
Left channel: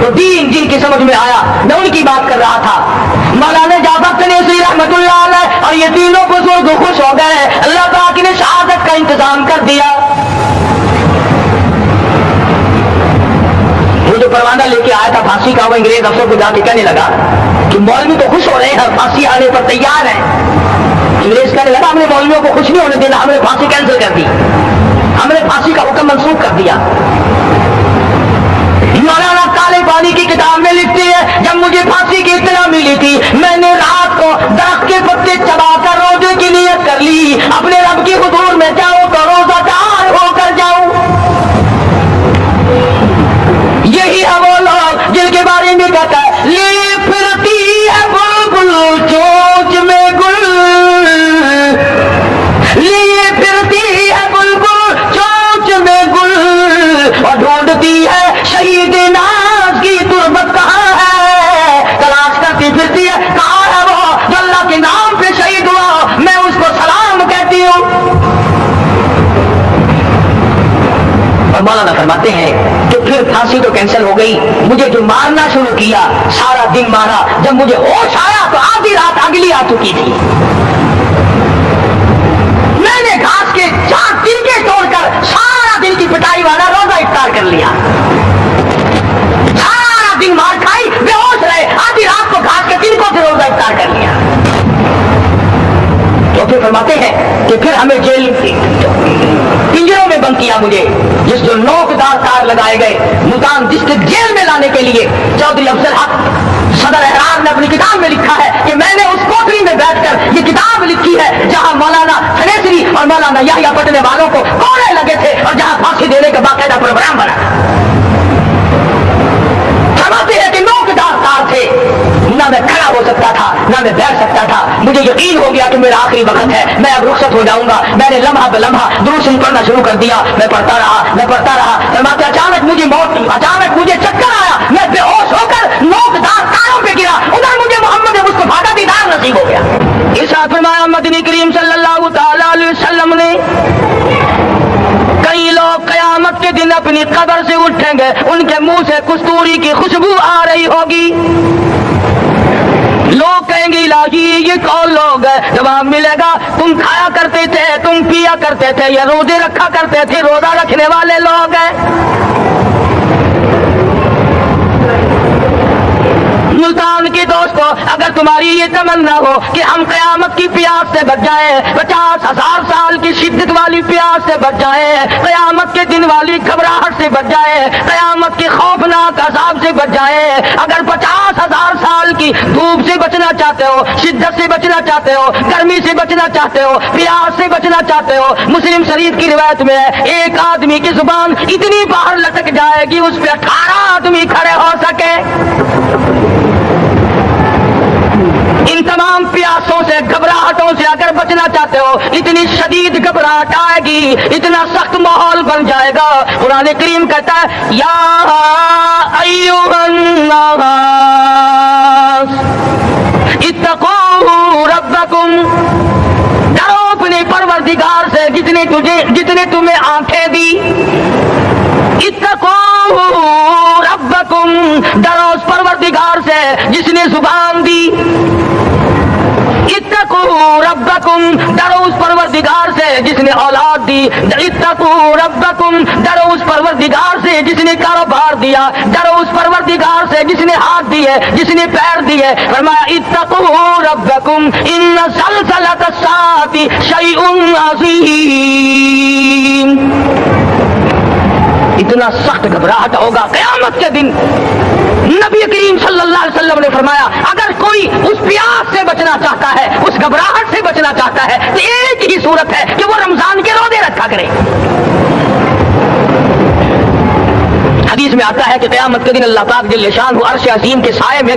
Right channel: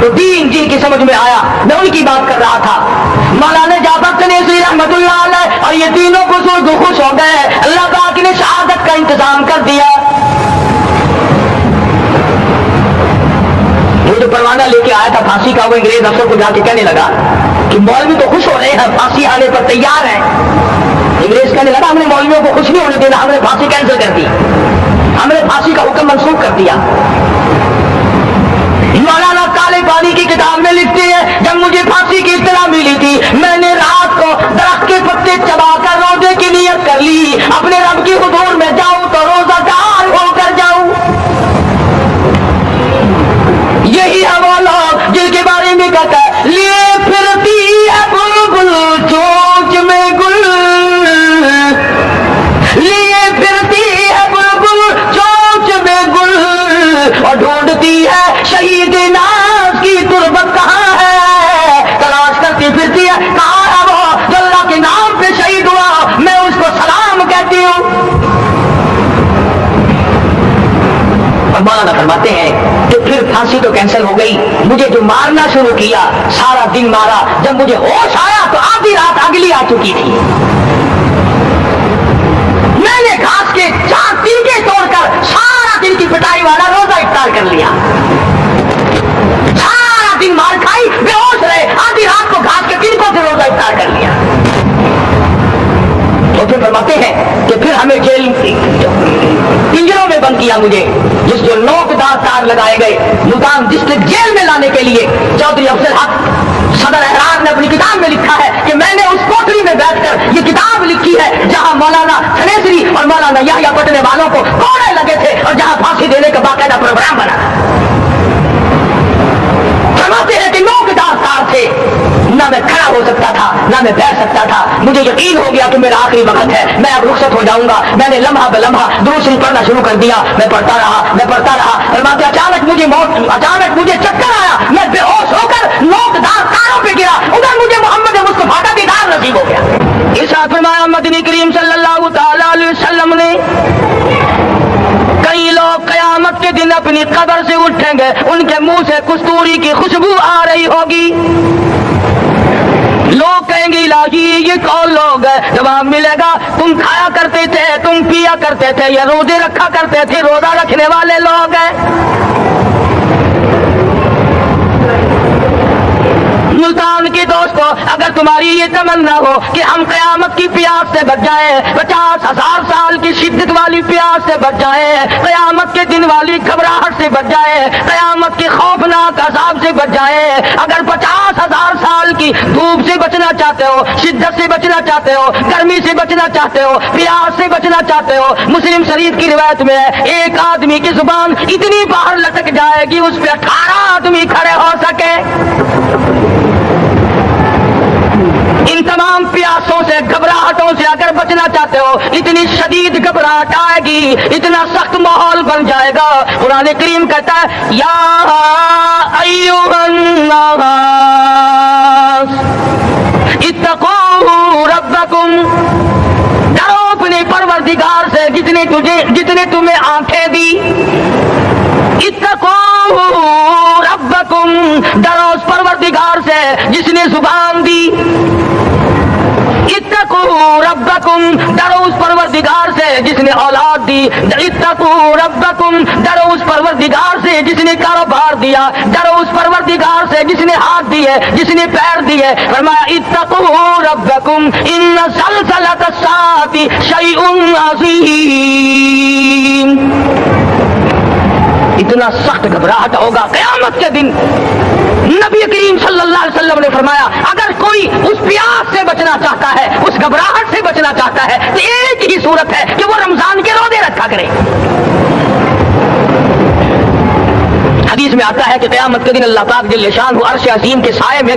तो दीन जी की समझ में आया, मैं उनकी बात कर रहा था। मौलाना जाफर तनेसरी रहमतुल्लाह अलैह और ये तीनों बुजुर्ग खुश हो गए, अल्लाह पाक ने शहादत का इंतजाम कर दिया। वो जो परवाना लेके आया था फांसी का, वो अंग्रेज अफसर को जाके कहने लगा कि मौलवी तो खुश हो रहे हैं, फांसी आने पर तैयार है। अंग्रेज कहने लगा हमने मौलवियों को खुश नहीं होने देना, हमने फांसी कैंसिल कर दी, हमने फांसी का हुक्म मंसूख कर दिया। मौलाना काले पानी की किताब में लिखती है, जब मुझे फांसी की इत्तला मिली थी, मैंने रात को दरख्त के पत्ते चबाकर रोजे की नियत कर ली, अपने रब की हुजूर में जाऊं तो रोजादार होकर जाऊं। यही है वो लोग जिनके बारे में कहता है ले फिरती है बुलबुल चोंच में गुल, लिए फिरती है बुलबुल चोंच में गुल, और ढूंढती है शहीद नाज की तुरबत कहाँ है, तलाश करती फिरती है कहाँ है वो जो अल्लाह के नाम पे शहीद हुआ, मैं उसको सलाम कहती हूँ। और मौलाना फरमाते हैं कि फिर फांसी तो कैंसिल हो गई, मुझे जो मारना शुरू किया सारा दिन मारा, जब मुझे होश आया तो आधी रात अगली आ चुकी थी। मैंने घास के 4 तिनके तोड़कर सारा दिन की पिटाई वाला रोजा इफ्तार कर लिया, सारा दिन मार खाई, बेहोश रहे, आधी रात को घास के तिनकों से रोजा इफ्तार कर लिया। तो फिर फरमाते हैं कि फिर हमें जेल पिंजरों में बंद किया मुझे, जिस जो नोकदार तार लगाए गए, मुल्तान डिस्ट्रिक्ट जेल में लाने के लिए चौधरी अफजल हक सदर एहराज ने अपनी किताब में लिखा है कि मैंने उस कोठरी में बैठकर ये किताब लिखी है जहां मौलाना तनेसरी और मौलाना याह्या पटने वालों को कोड़े लगे थे और जहां फांसी देने का बाकायदा प्रोग्राम बना। फरमाते हैं कि नोकदार तार थे, ना मैं खड़ा हो सकता था ना मैं बैठ सकता था, मुझे यकीन हो गया कि मेरा आखिरी वक्त है, मैं अब रुखसत हो जाऊंगा। मैंने लम्हा बलम्हा दुरूद शरीफ पढ़ना शुरू कर दिया, मैं पढ़ता रहा। फरमाते अचानक मुझे चक्कर आया, मैं बेहोश होकर नोकदार तारों पे गिरा, उधर मुझे मोहम्मद मुस्तफा का दीदार नसीब हो गया। इरशाद फरमाया मदनी करीम सल्लल्लाहु तआला अलैहि वसल्लम ने, कई लोग कयामत के दिन अपनी कब्र से उठेंगे, उनके मुंह से कस्तूरी की खुशबू आ रही होगी। लोग कहेंगे इलाही ये कौन लोग है? जवाब मिलेगा तुम खाया करते थे, तुम पिया करते थे, ये रोजे रखा करते थे, रोजा रखने वाले लोग हैं। मुल्तान के दोस्तों, अगर तुम्हारी ये तमन्ना हो कि हम कयामत की प्यास से बच जाए, 50,000 साल की शिद्दत वाली प्यास से बच जाए, कयामत के दिन वाली घबराहट से बच जाए, कयामत के खौफनाक अज़ाब से बच जाए, अगर 50,000 साल की धूप से बचना चाहते हो, शिद्दत से बचना चाहते हो, गर्मी से बचना चाहते हो, प्यास से बचना चाहते हो, मुस्लिम शरीफ की रिवायत में है एक आदमी की जुबान इतनी बाहर लटक जाएगी उस पर 18 आदमी खड़े हो सके। इन तमाम प्यासों से घबराहटों से अगर बचना चाहते हो, इतनी शदीद घबराहट आएगी, इतना सख्त माहौल बन जाएगा। कुरान करीम कहता है या अय्युहन नास इत्तकू रब्बकुम, डरो अपने परवरदिगार से जितने तुम्हें आंखें दी। इत्तकू रब्बकुम, डरो उस परवरदिगार से जिसने जुबान दी। इत्तकू रब्बकुम, डरो उस परवरदिगार से जिसने औलाद दी। इत्तकू रब्बकुम, डरो उस परवरदिगार से जिसने कारोबार दिया, डरो उस परवरदिगार से जिसने हाथ दिए, जिसने पैर दिए। फरमाया इत्तकू रब्बकुम इन्न ज़लज़लत अस्साअति शैउन अज़ीम, इतना सख्त घबराहट होगा क़यामत के दिन। नबी करीम सल्लल्लाहु अलैहि वसल्लम ने फरमाया अगर कोई उस प्यास से बचना चाहता है, उस घबराहट से बचना चाहता है, तो एक ही सूरत है कि वो रमजान के रोजे रखा करे। हदीस में आता है कि क़यामत के दिन अल्लाह पाक जल्ल शान अर्श अज़ीम के साए में